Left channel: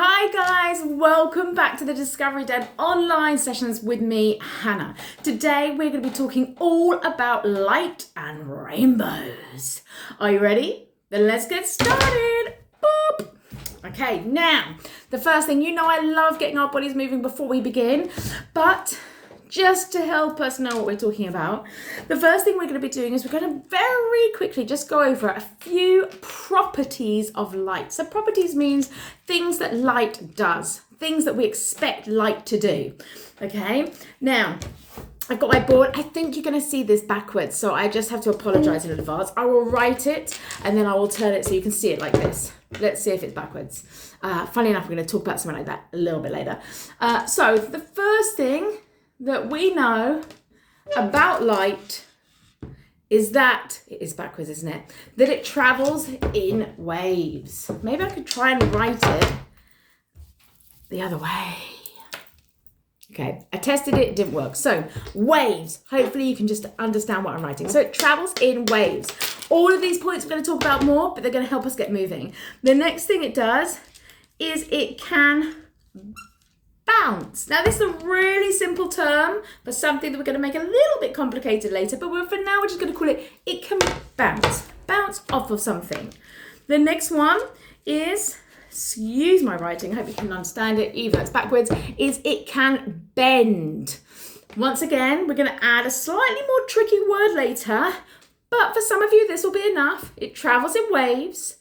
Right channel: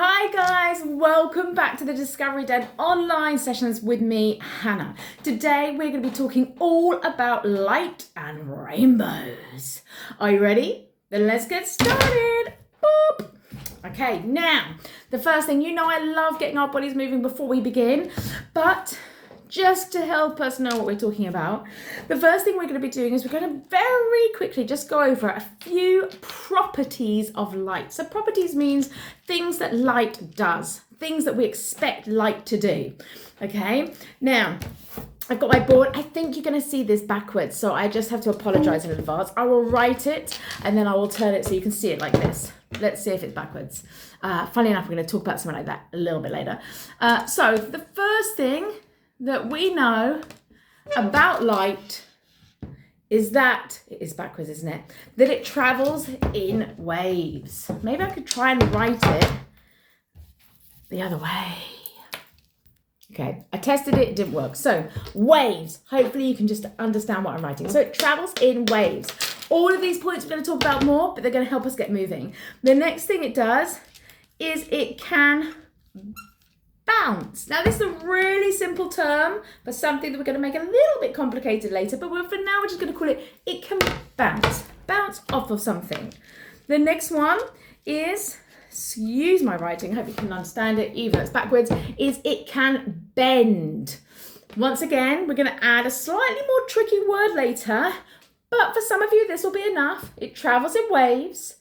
Hi guys, welcome back to the Discovery Den online sessions with me, Hannah. Today we're going to be talking all about light and rainbows. Are you ready? Then let's get started. Boop. Okay, now, the first thing, I love getting our bodies moving before we begin, but just to help us know what we're talking about, the first thing we're going to be doing is we're going to very quickly just go over a few properties of light. So properties means things that light does, things that we expect light to do. Okay, now I've got my board. I think you're going to see this backwards, so I just have to apologize in advance. I will write it and then I will turn it so you can see it like this. Let's see if it's backwards. Funny enough, we're going to talk about something like that a little bit later. So the first thing that we know about light is that, it is backwards, isn't it? That it travels in waves. Maybe I could try and write it the other way. Okay, I tested it, it didn't work. So, waves. Hopefully you can just understand what I'm writing. So it travels in waves. All of these points we're going to talk about more, but they're going to help us get moving. The next thing it does is it can bounce. Now this is a really simple term for something that we're going to make a little bit complicated later, but for now we're just going to call it can bounce off of something. The next one is, excuse my writing, I hope you can understand it even though it's backwards, is it can bend. Once again, we're going to add a slightly more tricky word later, but for some of you this will be enough. It travels in waves,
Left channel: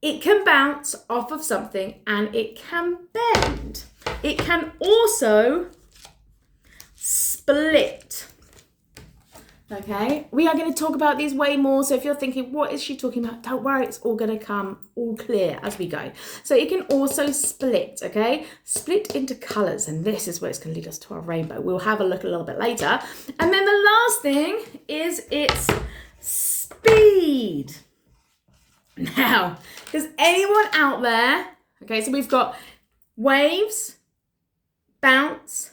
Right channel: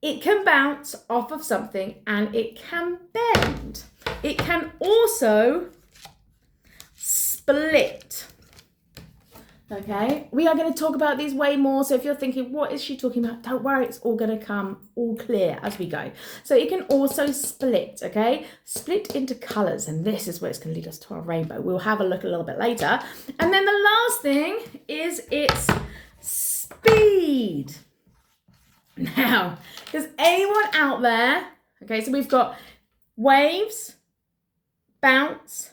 it can bounce off of something, and it can bend. It can also split. Okay, we are going to talk about these way more. So if you're thinking, what is she talking about? Don't worry, it's all going to come all clear as we go. So it can also split, okay? Split into colours. And this is where it's going to lead us to our rainbow. We'll have a look a little bit later. And then the last thing is its speed. Now, does anyone out there, okay, so we've got waves, bounce,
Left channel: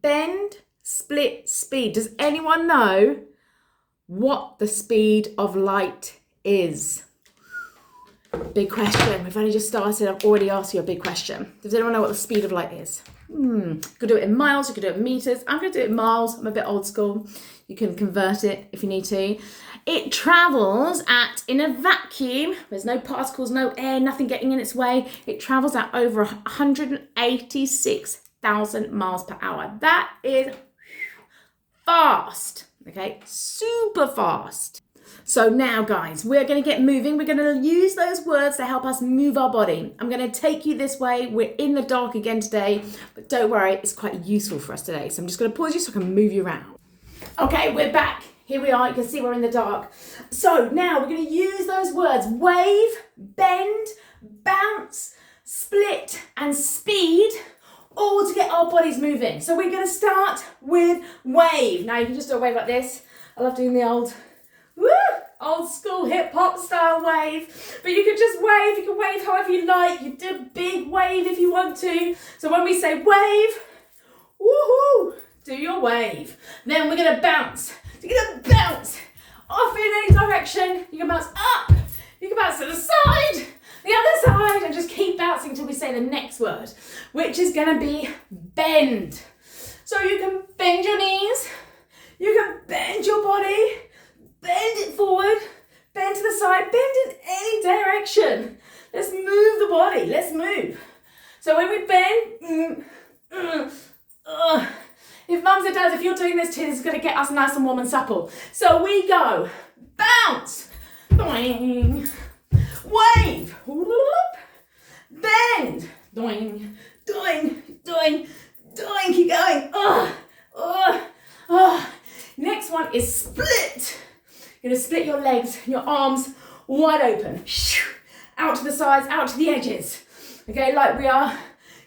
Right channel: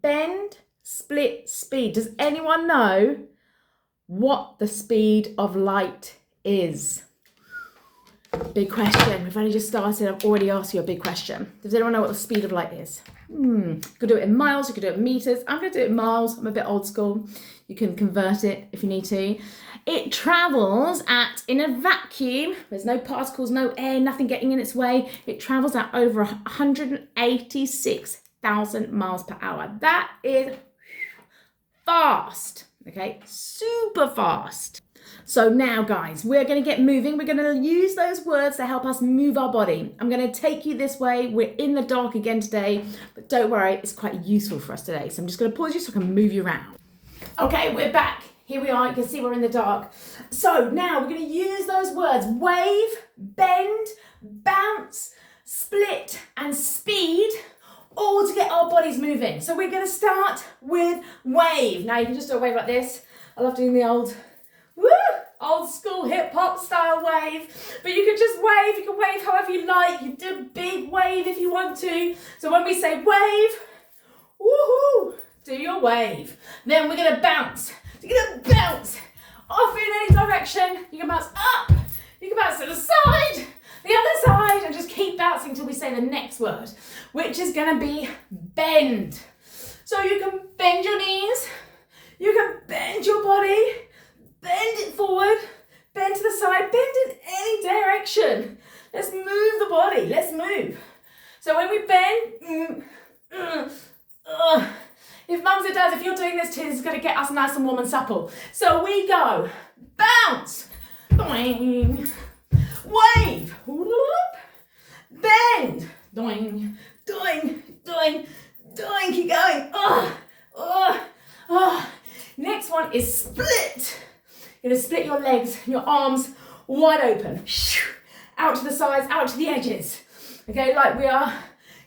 bend, split, speed. Does anyone know what the speed of light is? Big question. We've only just started. I've already asked you a big question. Does anyone know what the speed of light is? You could do it in miles, you could do it in meters. I'm going to do it in miles. I'm a bit old school. You can convert it if you need to. It travels in a vacuum. There's no particles, no air, nothing getting in its way. It travels at over 186,000 miles per hour. That is fast, okay? Super fast. So now, guys, we're going to get moving. We're going to use those words to help us move our body. I'm going to take you this way. We're in the dark again today, but don't worry, it's quite useful for us today. So I'm just going to pause you so I can move you around. Okay, we're back. Here we are. You can see we're in the dark. So now we're going to use those words: wave, bend, bounce, split, and speed, all to get our bodies moving. So we're going to start with wave. Now you can just do a wave like this. I love doing the old school hip hop style wave. But you can just wave. You can wave however you like. You do a big wave if you want to. So when we say wave, woohoo, do your wave. Then we're going to bounce. You're going to bounce off in any direction. You can bounce up. You can bounce to the side, the other side, and just keep bouncing until we say the next word, which is going to be bend. So you can bend your knees. You can bend your body. Bend it forward. Bend to the side. Bend in any direction. Let's move the body. Let's move. So when we bend, if mums and dads, if you're doing this too, this is going to get us nice and warm and supple. So we go bounce, doing, wave, bend, doing, doing, doing, doing, keep going. Next one is split. You're going to split your legs, your arms wide open, out to the sides, out to the edges. Okay, like we are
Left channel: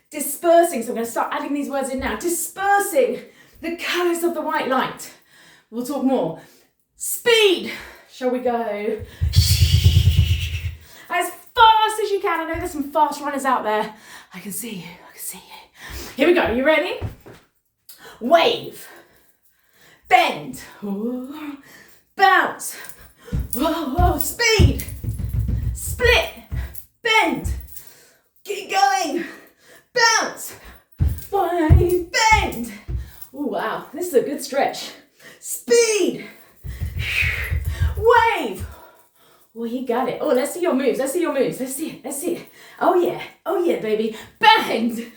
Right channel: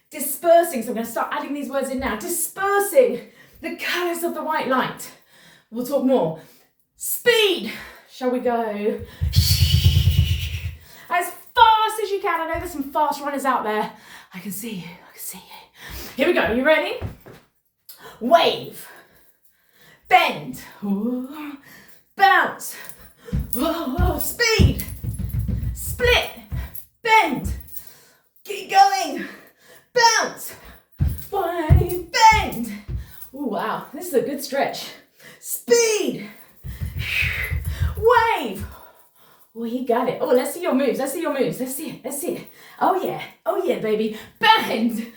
dispersing, so I'm going to start adding these words in now. Dispersing the colours of the white light. We'll talk more. Speed. Shall we go? As fast as you can. I know there's some fast runners out there. I can see you. I can see you. Here we go. You ready? Wave. Bend. Bounce. Speed. Split. Bend. Keep going. This is a good stretch. Speed. Wave. Oh, you got it. Oh, let's see your moves. Let's see your moves. Let's see it. Let's see it. Oh, yeah. Oh, yeah, baby. Bend.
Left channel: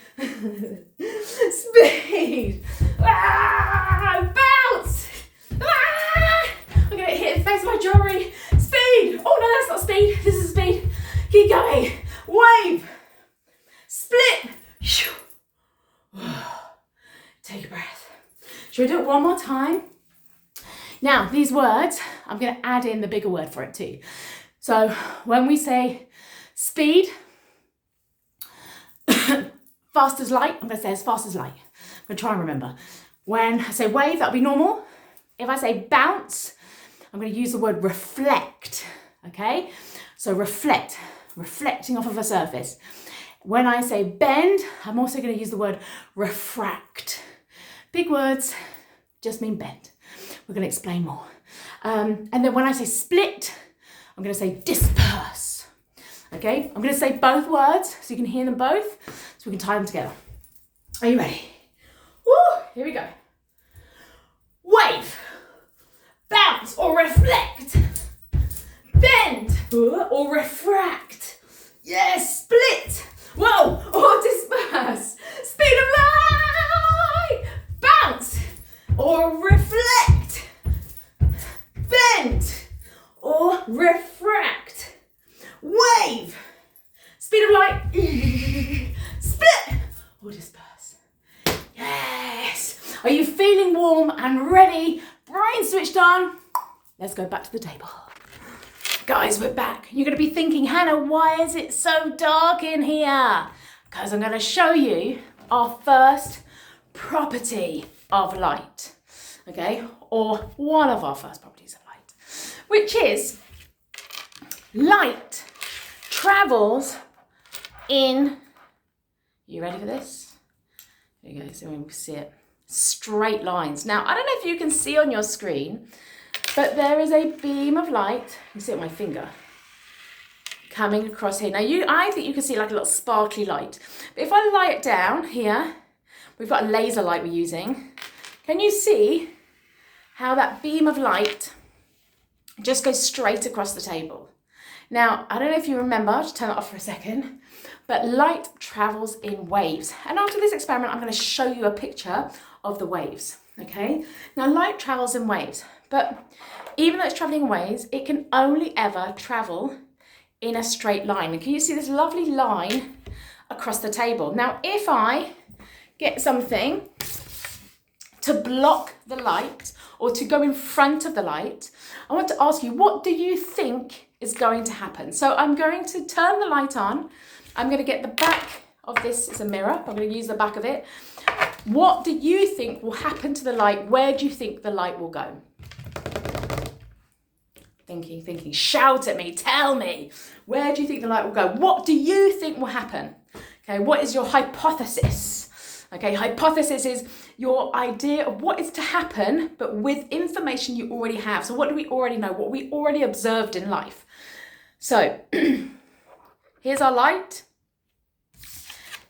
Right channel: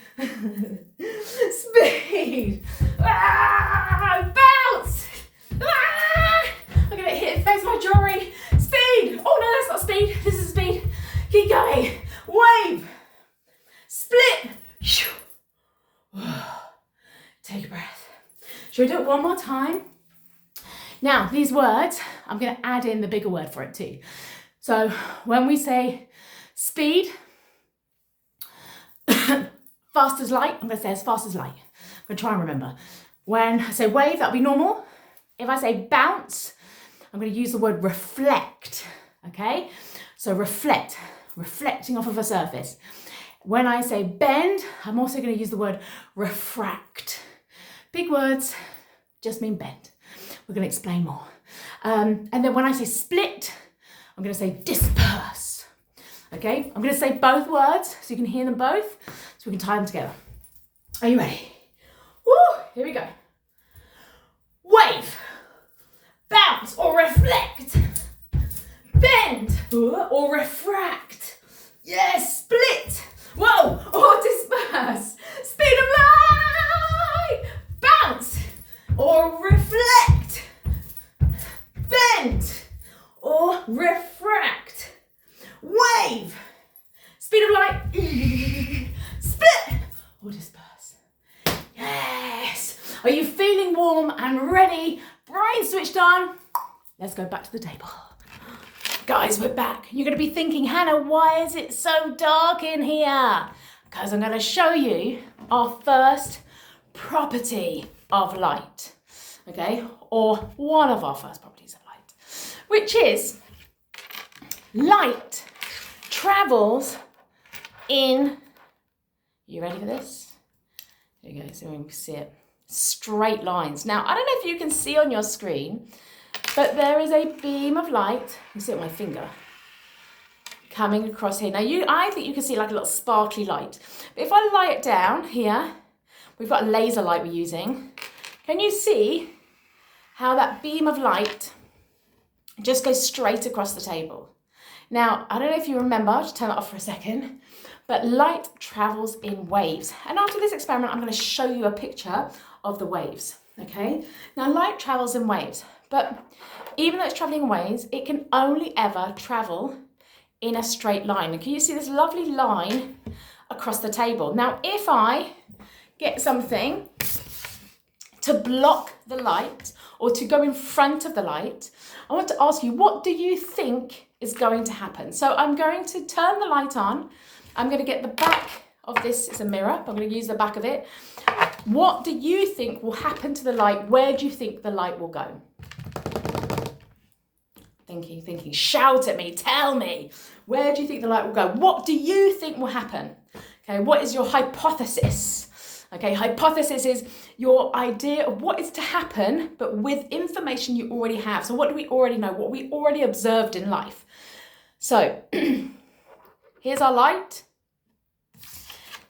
Speed. Bounce. I'm going to hit the face of my jewelry. Speed. Oh, no, that's not speed. This is speed. Keep going. Wave. Split. Take a breath. Should we do it one more time? Now, these words, I'm going to add in the bigger word for it too. So when we say speed, fast as light, I'm going to say as fast as light. I'm going to try and remember. When I say wave, that'll be normal. If I say bounce, I'm going to use the word reflect, okay? So reflect, reflecting off of a surface. When I say bend, I'm also going to use the word refract. Big words just mean bend. We're going to explain more. And then when I say split, I'm going to say disperse. Okay, I'm going to say both words so you can hear them both, so we can tie them together. Are you ready? Woo! Here we go. Wave, bounce or reflect, bend or refract. Yes, split. Whoa! Or disperse. Speed of light. Bounce or reflect, bend or refract, wave, speed of light, split or disperse. Yes! Are you feeling warm and ready? Brain switched on. Let's go back to the table. Guys, we're back. You're going to be thinking, Hannah, why is it so dark in here? Because I'm going to show you our first property of light, okay? Or one of our first properties of light, which is light travels in, you ready for this? There you go, so we can see it. Straight lines. Now, I don't know if you can see on your screen, but there is a beam of light, you can see it on my finger, coming across here. Now, I think you can see like a little sparkly light. But if I lie it down here, we've got a laser light we're using. Can you see how that beam of light just goes straight across the table? Now, I don't know if you remember, I'll just turn it off for a second, but light travels in waves. And after this experiment, I'm going to show you a picture of the waves, okay? Now, light travels in waves, but even though it's traveling in waves, it can only ever travel in a straight line. And can you see this lovely line across the table? Now, if I get something to block the light or to go in front of the light, I want to ask you, what do you think is going to happen? So I'm going to turn the light on. I'm going to get the back of this, it's a mirror, I'm going to use the back of it. What do you think will happen to the light? Where do you think the light will go? Thinking, shout at me, tell me. Where do you think the light will go? What do you think will happen? Okay, what is your hypothesis? Okay, hypothesis is your idea of what is to happen, but with information you already have. So what do we already know? What we already observed in life. So here's our light.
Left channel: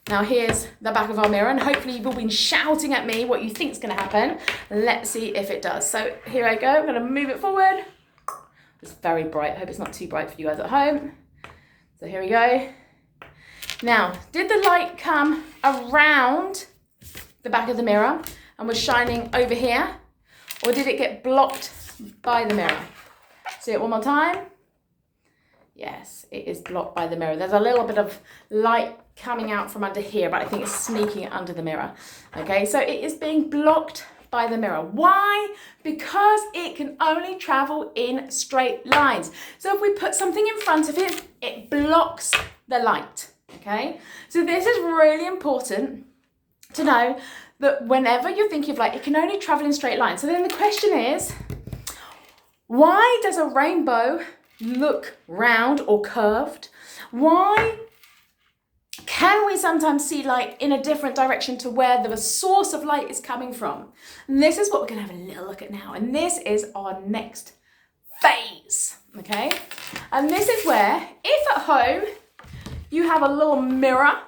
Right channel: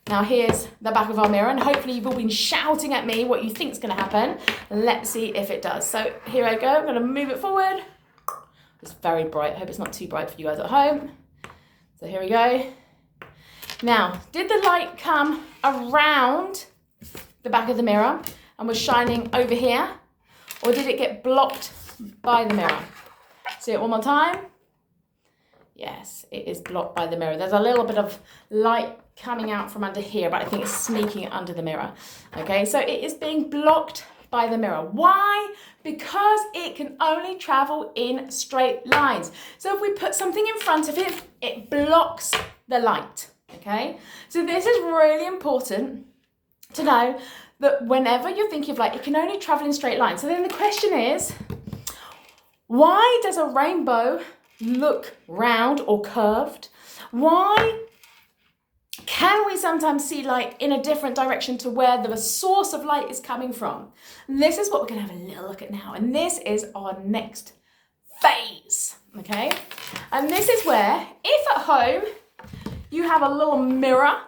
Now here's the back of our mirror, and hopefully you've all been shouting at me what you think is going to happen. Let's see if it does. So here I go. I'm going to move it forward. It's very bright. I hope it's not too bright for you guys at home. So here we go. Now, did the light come around the back of the mirror and was shining over here, or did it get blocked by the mirror? See it one more time. Yes, it is blocked by the mirror. There's a little bit of light coming out from under here, but I think it's sneaking it under the mirror. Okay, so it is being blocked by the mirror. Why? Because it can only travel in straight lines. So if we put something in front of it, it blocks the light. Okay, so this is really important to know, that whenever you're thinking of light, it can only travel in straight lines. So then the question is, why does a rainbow look round or curved? Why can we sometimes see light in a different direction to where the source of light is coming from? And this is what we're going to have a little look at now. And this is our next phase, okay? And this is where, if at home you have a little mirror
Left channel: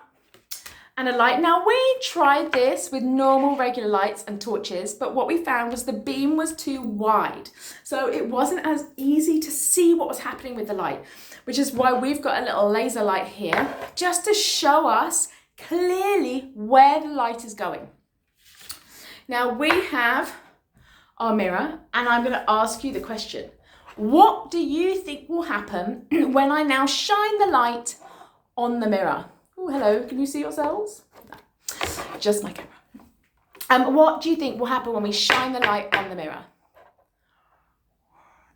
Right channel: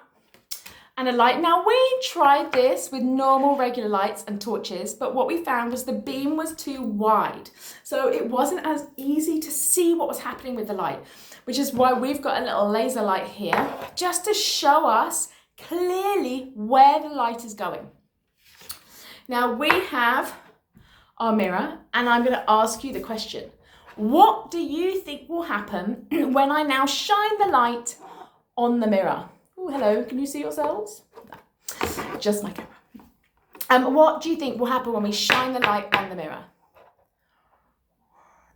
and a light. Now we tried this with normal regular lights and torches, but what we found was the beam was too wide. So it wasn't as easy to see what was happening with the light, which is why we've got a little laser light here, just to show us clearly where the light is going. Now we have our mirror, and I'm going to ask you the question. What do you think will happen when I now shine the light on the mirror? Oh, hello, can you see yourselves? No, just my camera. What do you think will happen when we shine the light on the mirror?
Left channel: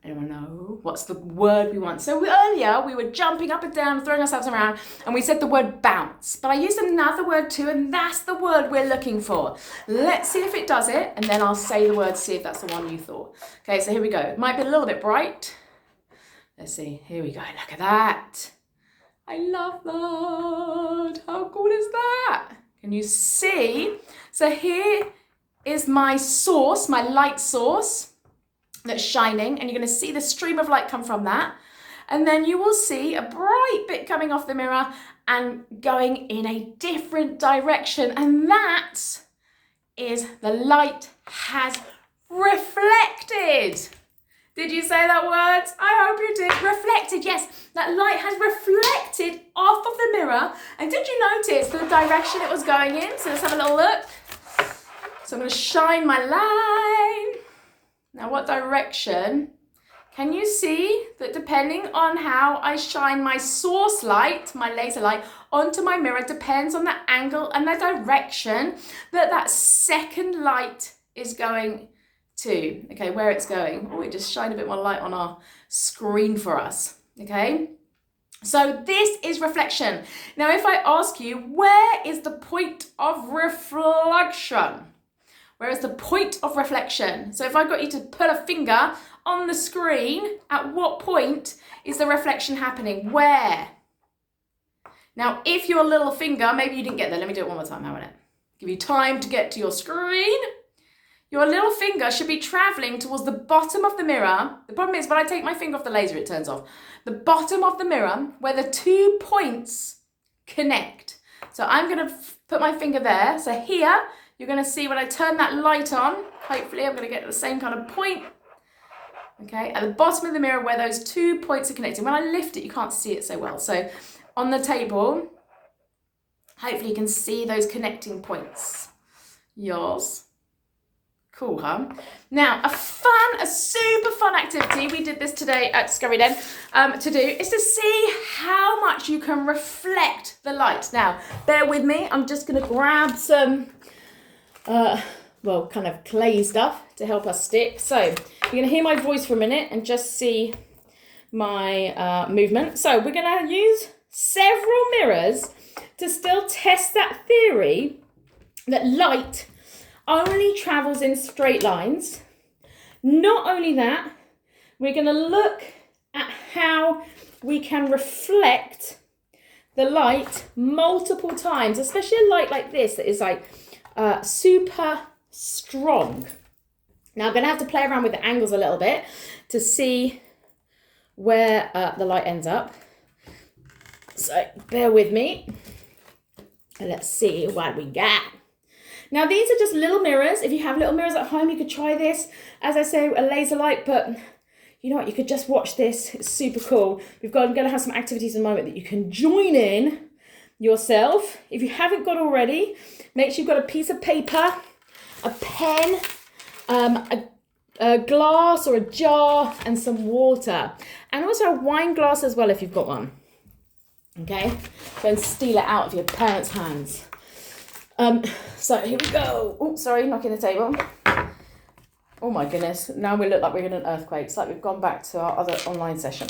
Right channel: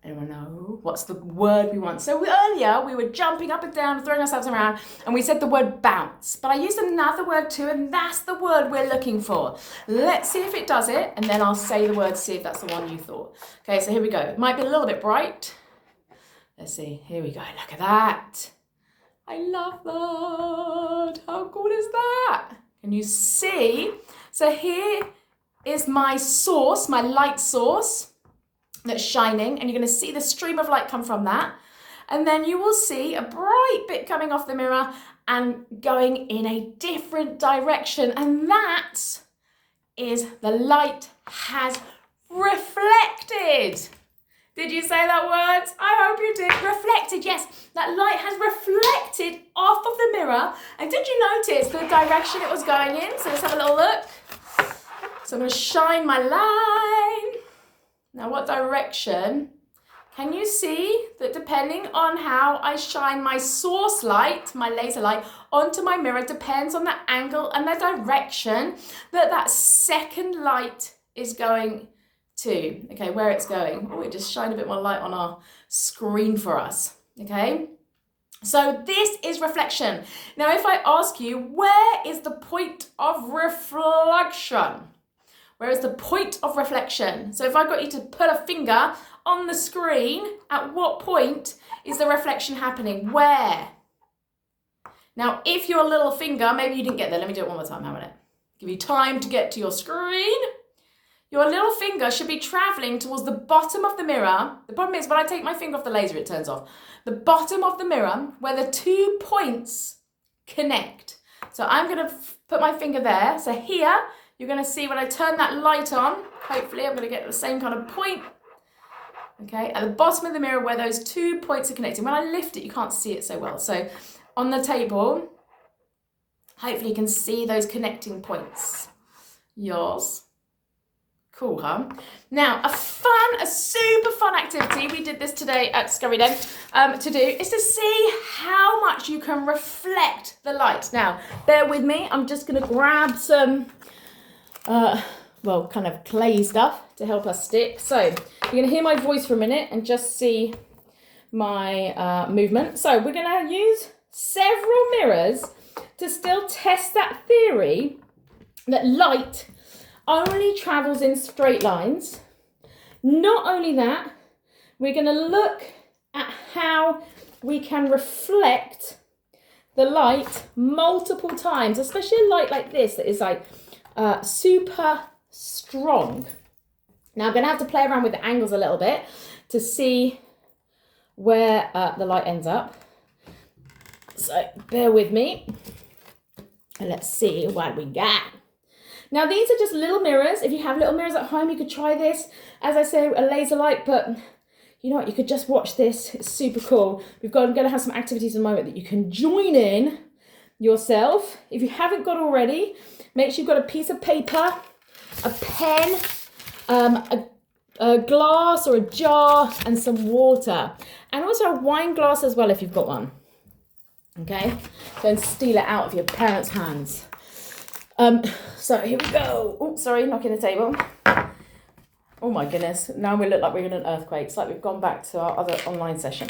Anyone know? What's the word we want? So earlier we were jumping up and down, throwing ourselves around, and we said the word bounce. But I used another word too, and that's the word we're looking for. Let's see if it does it, and then I'll say the word, see if that's the one you thought. Okay, so here we go. It might be a little bit bright. Let's see. Here we go. Look at that. I love that. How cool is that? Can you see? So here is my source, my light source that's shining, and you're going to see the stream of light come from that. And then you will see a bright bit coming off the mirror and going in a different direction. And that is the light has reflected. Did you say that word? I hope you did. Reflected, yes. That light has reflected off of the mirror. And did you notice the direction it was going in? So let's have a little look. So I'm going to shine my light. Now, what direction? Can you see that depending on how I shine my source light, my laser light, onto my mirror depends on the angle and the direction that that second light is going to, okay, where it's going. Oh, it just shined a bit more light on our screen for us, okay? So this is reflection. Now, if I ask you, where is the point of reflection? Where is the point of reflection? So if I got you to put a finger on the screen, at what point is the reflection happening? Where? Now, if your little finger, maybe you didn't get there. Let me do it one more time. How about it? Give you time to get to your screen. Your little finger should be traveling towards the bottom of the mirror. The problem is when I take my finger off the laser, it turns off. The bottom of the mirror where the 2 points connect. So I'm going to put my finger there. So here, you're going to see when I turn that light on, hopefully I'm going to get the same kind of point. Okay, at the bottom of the mirror where those 2 points are connecting. When I lift it, you can't see it so well. So on the table, hopefully you can see those connecting points. Yours. Cool, huh? Now, a super fun activity, we did this today at Discovery Den, to do, is to see how much you can reflect the light. Now, bear with me, I'm just going to grab some, kind of clay stuff to help us stick. So, you're going to hear my voice for a minute and just see my movement. So, we're going to use several mirrors to still test that theory that light only travels in straight lines. Not only that, we're going to look at how we can reflect the light multiple times, especially a light like this that is like super strong. Now I'm going to have to play around with the angles a little bit to see where the light ends up. So bear with me and let's see what we got. Now, these are just little mirrors. If you have little mirrors at home, you could try this. As I say, a laser light, but you know what? You could just watch this. It's super cool. I'm going to have some activities in a moment that you can join in yourself. If you haven't got already, make sure you've got a piece of paper, a pen, a glass or a jar, and some water. And also a wine glass as well if you've got one. Okay? Don't steal it out of your parents' hands. So here we go. Oh, sorry, knocking the table. Oh my goodness. Now we look like we're in an earthquake. It's like we've gone back to our other online session.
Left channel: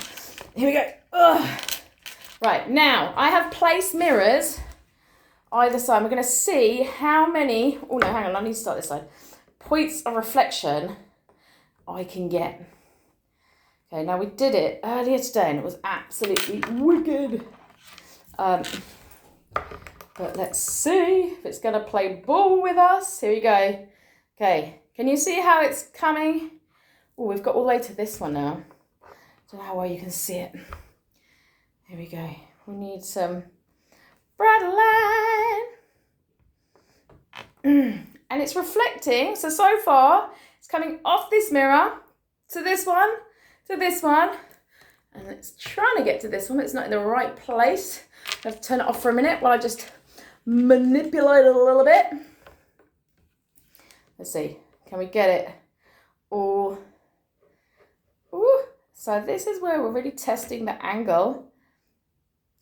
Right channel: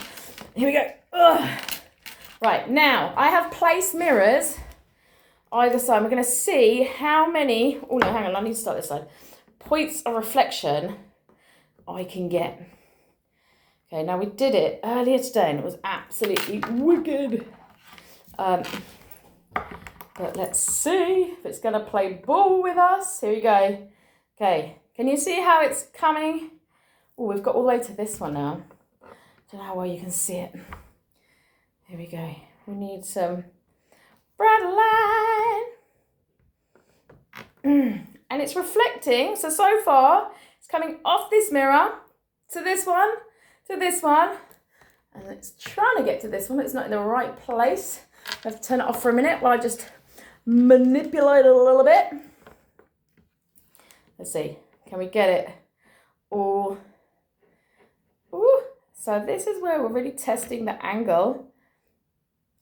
Here we go. Ugh. Right, now I have placed mirrors either side. We're going to see how many, oh no, hang on, I need to start this side, points of reflection I can get. Okay, now we did it earlier today and it was absolutely wicked. But let's see if it's going to play ball with us. Here we go. Okay, can you see how it's coming? Oh, we've got all the way to this one now. Don't know how well you can see it. Here we go. We need some bright light. and it's reflecting. So far, it's coming off this mirror to this one, and it's trying to get to this one, but it's not in the right place. I have to turn it off for a minute while I just manipulate it a little bit. Let's see, can we get it all? Ooh. So this is where we're really testing the angle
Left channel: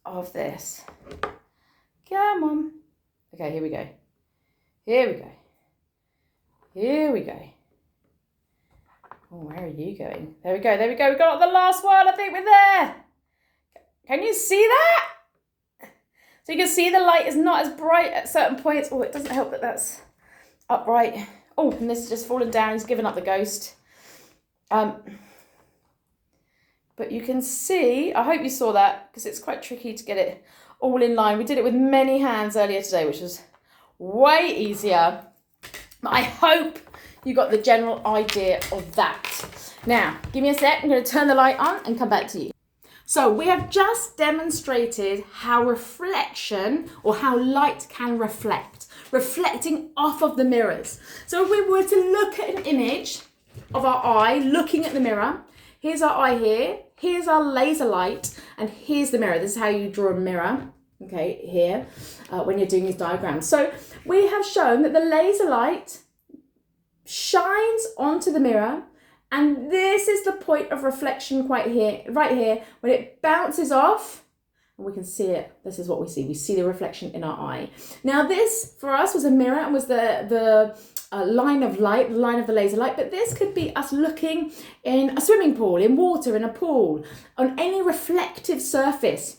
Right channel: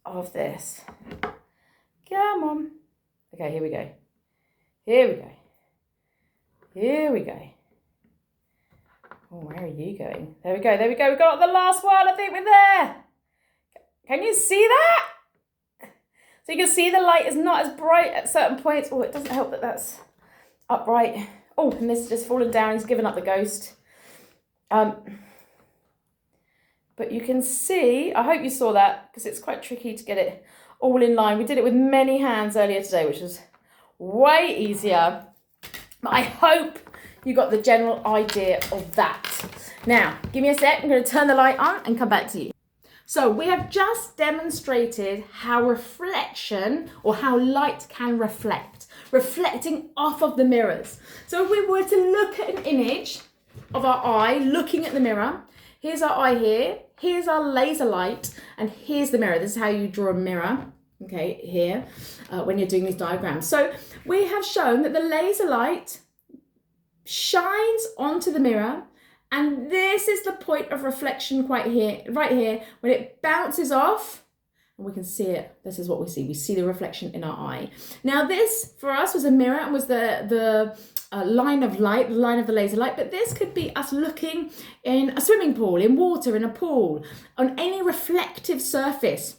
of this. Come on. Okay, here we go. Oh, where are you going? There we go. We got the last one. I think we're there. Can you see that? So you can see the light is not as bright at certain points. Oh, it doesn't help that that's upright. Oh, and this is just falling down. He's given up the ghost. But you can see, I hope you saw that, because it's quite tricky to get it all in line. We did it with many hands earlier today, which was way easier. But I hope you got the general idea of that. Now, give me a sec. I'm going to turn the light on and come back to you. So we have just demonstrated how reflection, or how light can reflect, reflecting off of the mirrors. So if we were to look at an image of our eye looking at the mirror, here's our eye here, here's our laser light, and here's the mirror. This is how you draw a mirror, okay, here, when you're doing these diagrams. So we have shown that the laser light shines onto the mirror, and this is the point of reflection right here, when it bounces off, and we can see it. This is what we see. We see the reflection in our eye. Now this, for us, was a mirror and was the line of light, the line of the laser light, but this could be us looking in a swimming pool, in water, in a pool, on any reflective surface.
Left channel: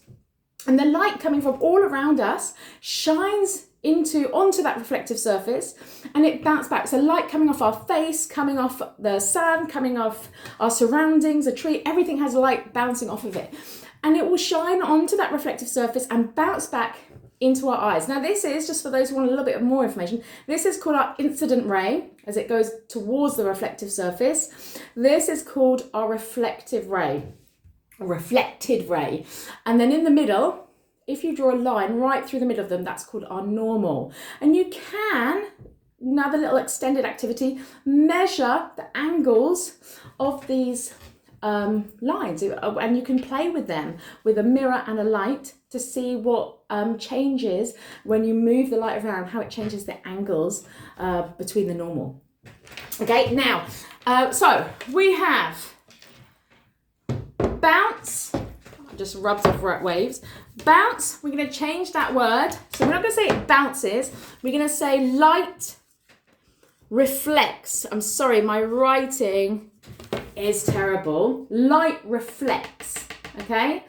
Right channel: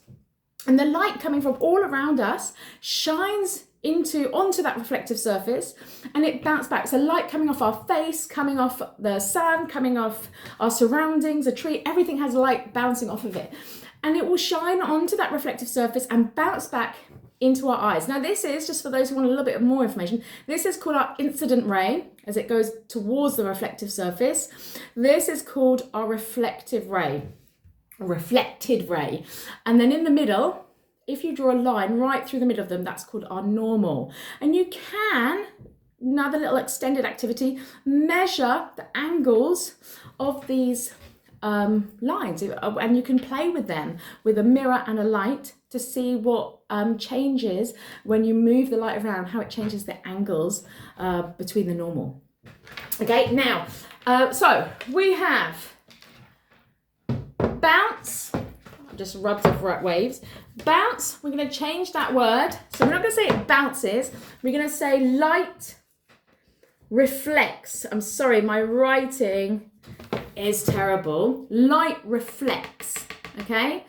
And the light coming from all around us shines onto that reflective surface, and it bounces back. So light coming off our face, coming off the sun, coming off our surroundings, a tree, everything has light bouncing off of it. And it will shine onto that reflective surface and bounce back into our eyes. Now this is, just for those who want a little bit more information, this is called our incident ray as it goes towards the reflective surface. This is called our reflective ray, a reflected ray. And then in the middle, if you draw a line right through the middle of them, that's called our normal. And you can, another little extended activity, measure the angles of these lines, and you can play with them with a mirror and a light to see what changes when you move the light around, how it changes the angles between the normal. Okay, now, so we have bounce, just rubs off waves. Bounce, we're going to change that word. So we're not going to say it bounces. We're going to say light reflects. I'm sorry, my writing is terrible. Light reflects, okay?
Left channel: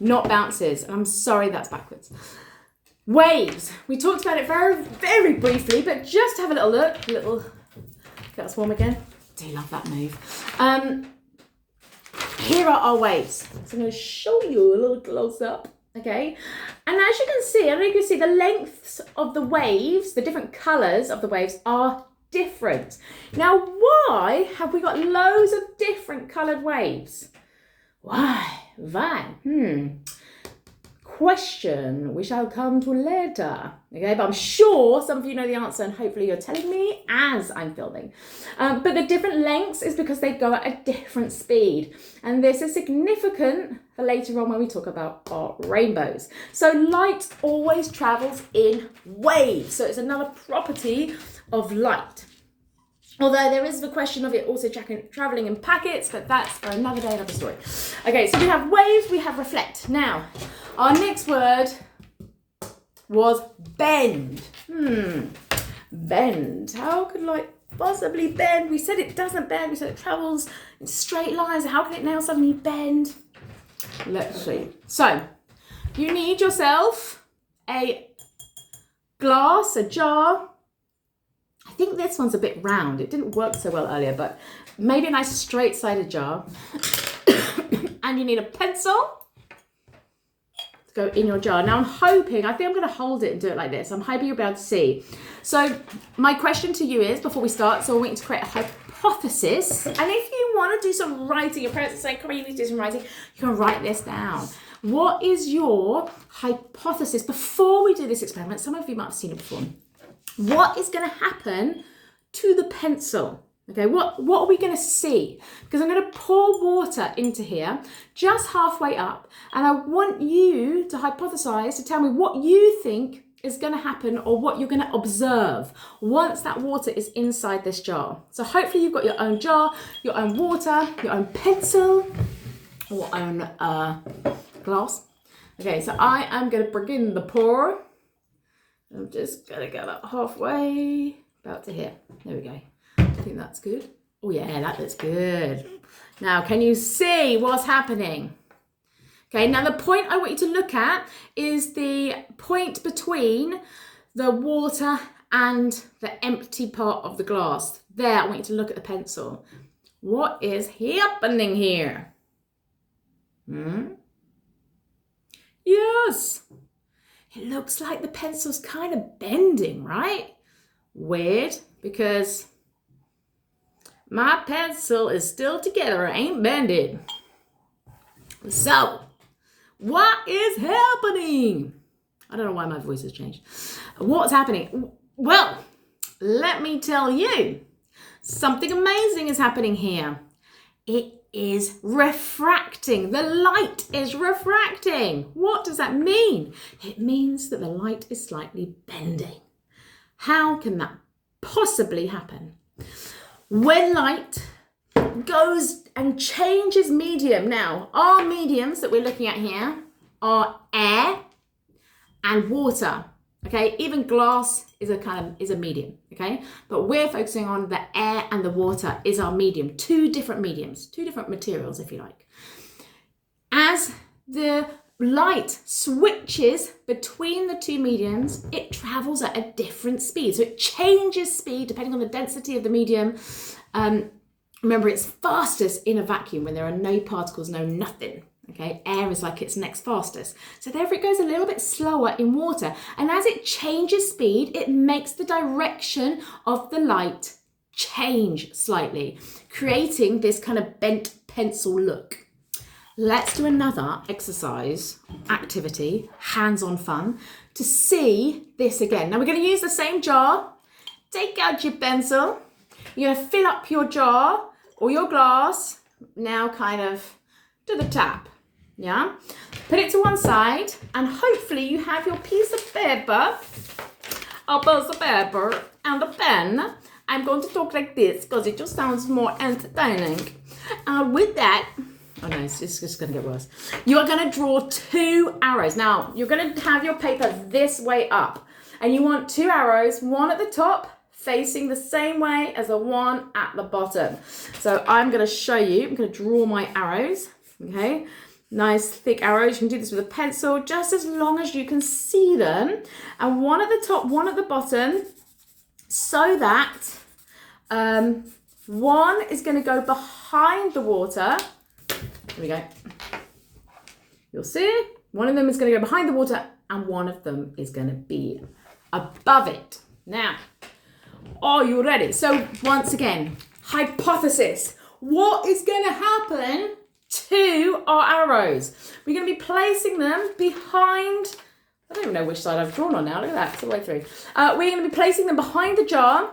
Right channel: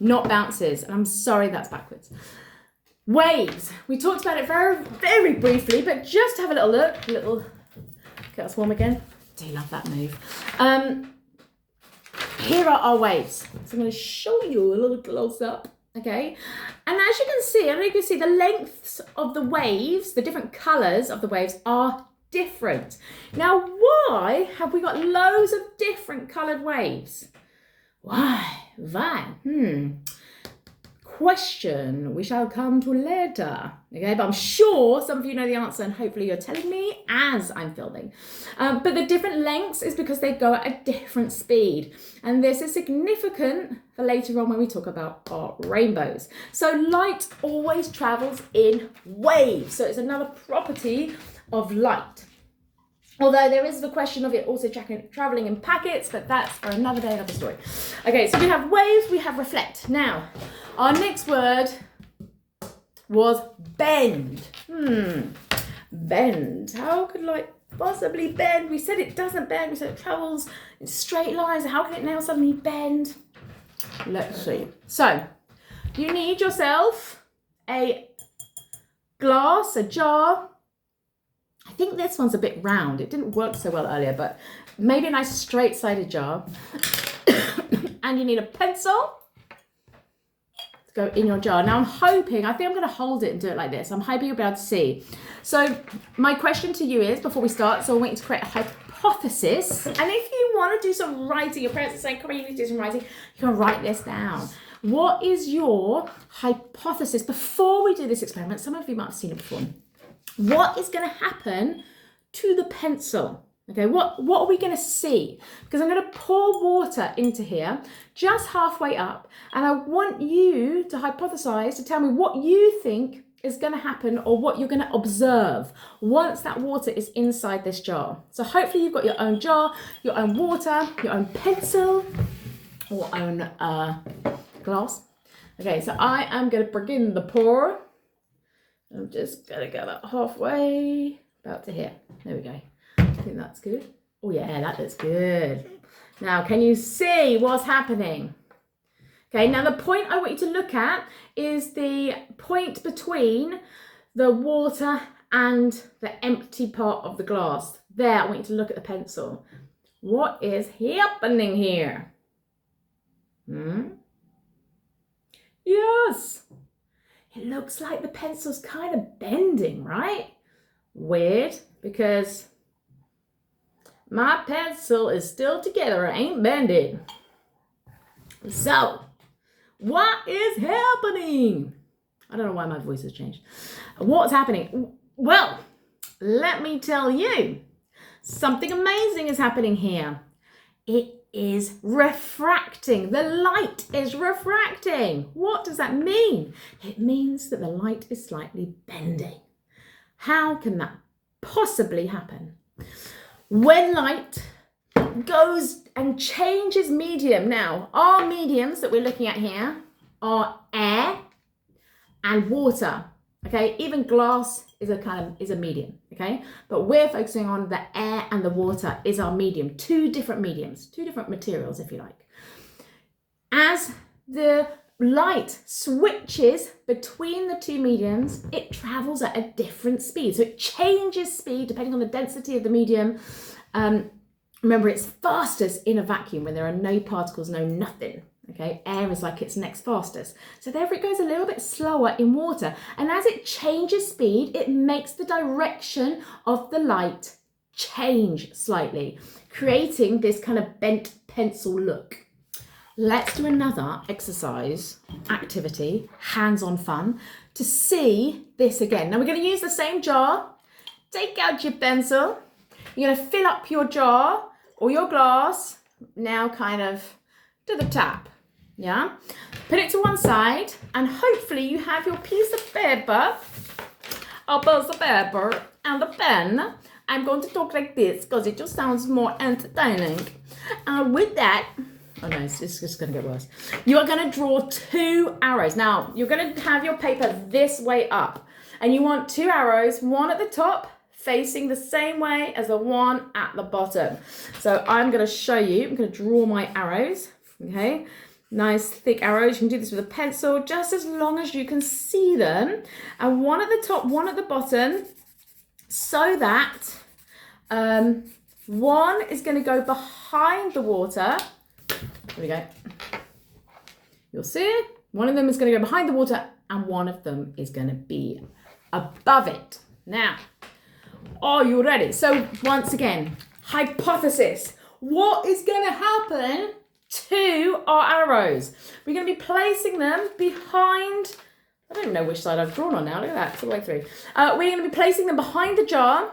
Not bounces. And I'm sorry that's backwards. Waves. We talked about it very, very briefly, but just have a little look. Get us warm again. Do you love that move? Here are our waves. So I'm going to show you a little close up. Okay, and as you can see, I don't know if you can see the lengths of the waves, the different colours of the waves are different. Now, why have we got loads of different coloured waves? Why? Question we shall come to later. Okay, but I'm sure some of you know the answer, and hopefully you're telling me as I'm filming. But the different lengths is because they go at a different speed, and this is significant for later on when we talk about our rainbows. So light always travels in waves, so it's another property of light. Although there is the question of it also traveling in packets, but that's for another day, another story. Okay, so we have waves, we have reflect. Now, our next word was bend. Bend. How could light possibly bend? We said it doesn't bend. We said it travels in straight lines. How can it now suddenly bend? Let's see. So, you need yourself a glass, a jar. I think this one's a bit round. It didn't work so well earlier, but maybe a nice straight-sided jar. And you need a pencil to go in your jar. Now I'm hoping, I think I'm going to hold it and do it like this. I'm hoping you'll be able to see. So my question to you is, before we start, so I want you to create a hypothesis. And if you want to do some writing, your parents are saying, come on, you need to do some writing, you can write this down. What is your hypothesis before we do this experiment? Some of you might have seen it before. what is going to happen to the pencil? Okay, what are we going to see? Because I'm going to pour water into here just halfway up, and I want you to hypothesize, to tell me what you think is going to happen or what you're going to observe once that water is inside this jar. So hopefully you've got your own jar, your own water, your own pencil, or own glass. Okay, so I am going to begin the pour. I'm just going to get that halfway, about to here. There we go. I think that's good. Oh yeah, that looks good. Now, can you see what's happening? Okay, now the point I want you to look at is the point between the water and the empty part of the glass. There, I want you to look at the pencil. What is happening here? Yes, it looks like the pencil's kind of bending, right? Weird, because my pencil is still together, it ain't bended. So, what is happening? I don't know why my voice has changed. What's happening? Well, let me tell you, something amazing is happening here. It is refracting. The light is refracting. What does that mean? It means that the light is slightly bending. How can that possibly happen? When light goes and changes medium. Now, our mediums that we're looking at here are air and water. Okay, even glass is a medium, okay? But we're focusing on the air and the water is our medium. Two different mediums, two different materials, if you like. As the light switches between the two mediums, it travels at a different speed. So it changes speed depending on the density of the medium. Remember, it's fastest in a vacuum when there are no particles, no nothing. Okay, air is like its next fastest. So therefore it goes a little bit slower in water. And as it changes speed, it makes the direction of the light change slightly, creating this kind of bent pencil look. Let's do another exercise, activity, hands-on fun, to see this again. Now we're going to use the same jar. Take out your pencil. You're going to fill up your jar or your glass, now kind of to the tap. Yeah, put it to one side, and hopefully you have your piece of paper, and a pen. I'm going to talk like this because it just sounds more entertaining. And with that, oh no, it's just going to get worse. You are going to draw two arrows. Now, you're going to have your paper this way up, and you want two arrows, one at the top, facing the same way as the one at the bottom. So I'm going to show you, I'm going to draw my arrows, okay? Nice thick arrows. You can do this with a pencil, just as long as you can see them. And one at the top, one at the bottom, so that one is going to go behind the water. There we go. You'll see it. One of them is going to go behind the water, and one of them is going to be above it. Now, are you ready? So once again, hypothesis. What is going to happen to our arrows? We're going to be placing them behind, I don't even know which side I've drawn on now. Look at that, it's all the way through. We're going to be placing them behind the jar.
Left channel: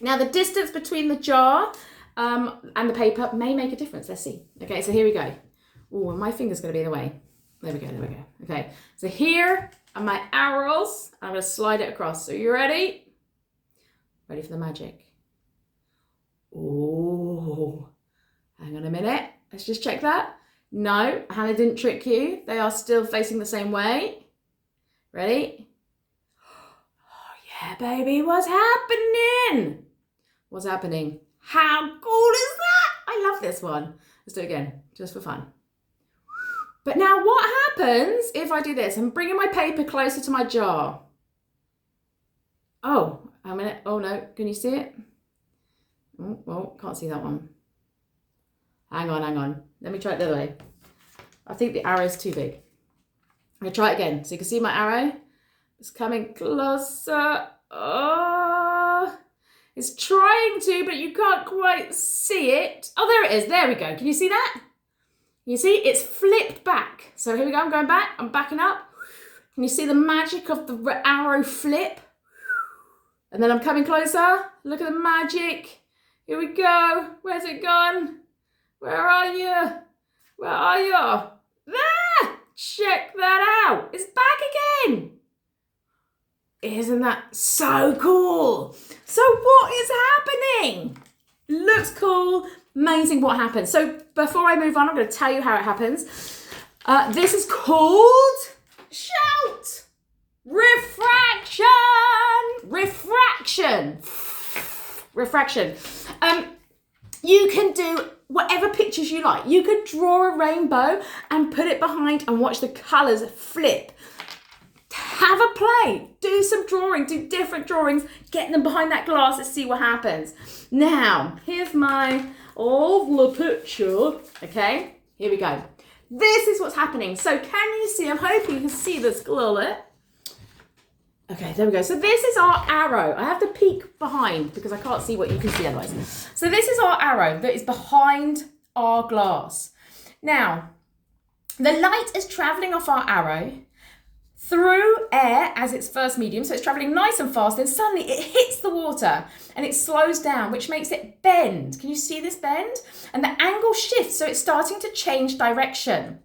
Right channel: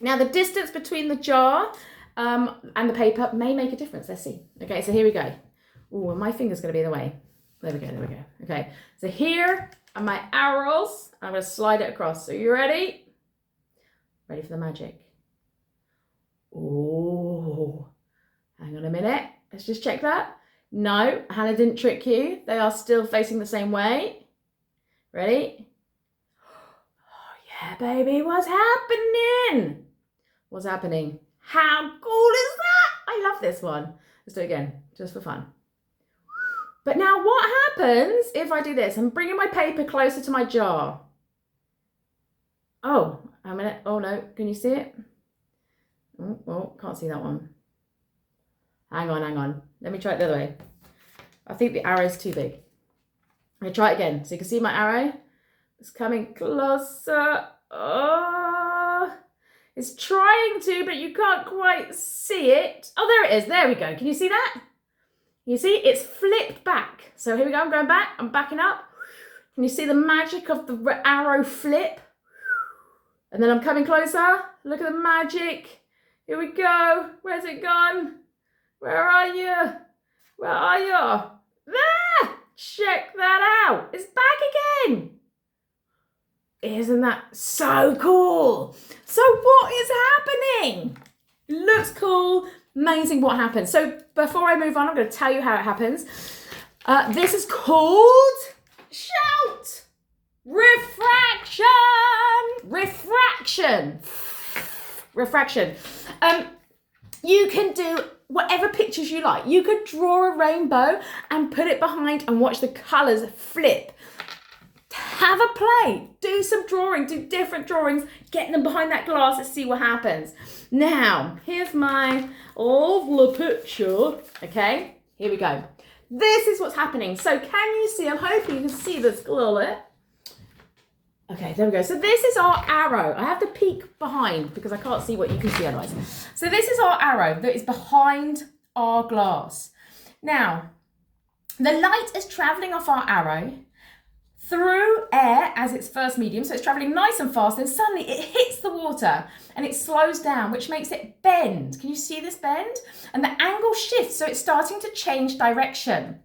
Now the distance between the jar and the paper may make a difference. Let's see. Okay, so here we go. Oh, and my finger's going to be in the way. There we go. Okay, so here are my arrows. I'm going to slide it across. So you ready? Ready for the magic? Oh, hang on a minute. Let's just check that. No, Hannah didn't trick you. They are still facing the same way. Ready? Oh, yeah, baby. What's happening? What's happening? How cool is that? I love this one. Let's do it again, just for fun. But now what happens if I do this? I'm bringing my paper closer to my jar. Oh, a minute. Oh, no. Can you see it? Oh, can't see that one. Hang on. Let me try it the other way. I think the arrow is too big. I'm going to try it again. So you can see my arrow. It's coming closer. Oh, it's trying to, but you can't quite see it. Oh, there it is. There we go. Can you see that? You see, it's flipped back. So here we go. I'm going back. I'm backing up. Can you see the magic of the arrow flip? And then I'm coming closer. Look at the magic. Here we go. Where's it gone? Where are you? Where are you? There! Check that out. It's back again. Isn't that so cool? So what is happening? Looks cool. Amazing what happens. So before I move on, I'm going to tell you how it happens. This is called, shout, refraction. Refraction. You can do whatever pictures you like. You could draw a rainbow and put it behind and watch the colours flip. Have a play, do some drawing, do different drawings, get them behind that glass and see what happens. Now, here's my lovely picture, okay? Here we go. This is what's happening. So can you see, I'm hoping you can see this clearly. Okay, there we go. So this is our arrow. I have to peek behind because I can't see what you can see otherwise. So this is our arrow that is behind our glass. Now, the light is traveling off our arrow through air as its first medium, so it's traveling nice and fast, then suddenly it hits the water and it slows down, which makes it bend. Can you see this bend? And the angle shifts, so it's starting to change direction.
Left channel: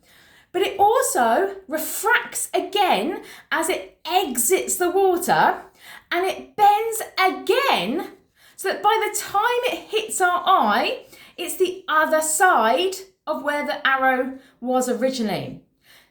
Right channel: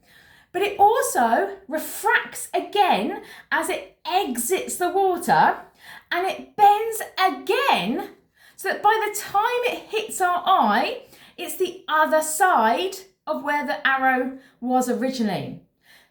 But it also refracts again as it exits the water, and it bends again, so that by the time it hits our eye, it's the other side of where the arrow was originally.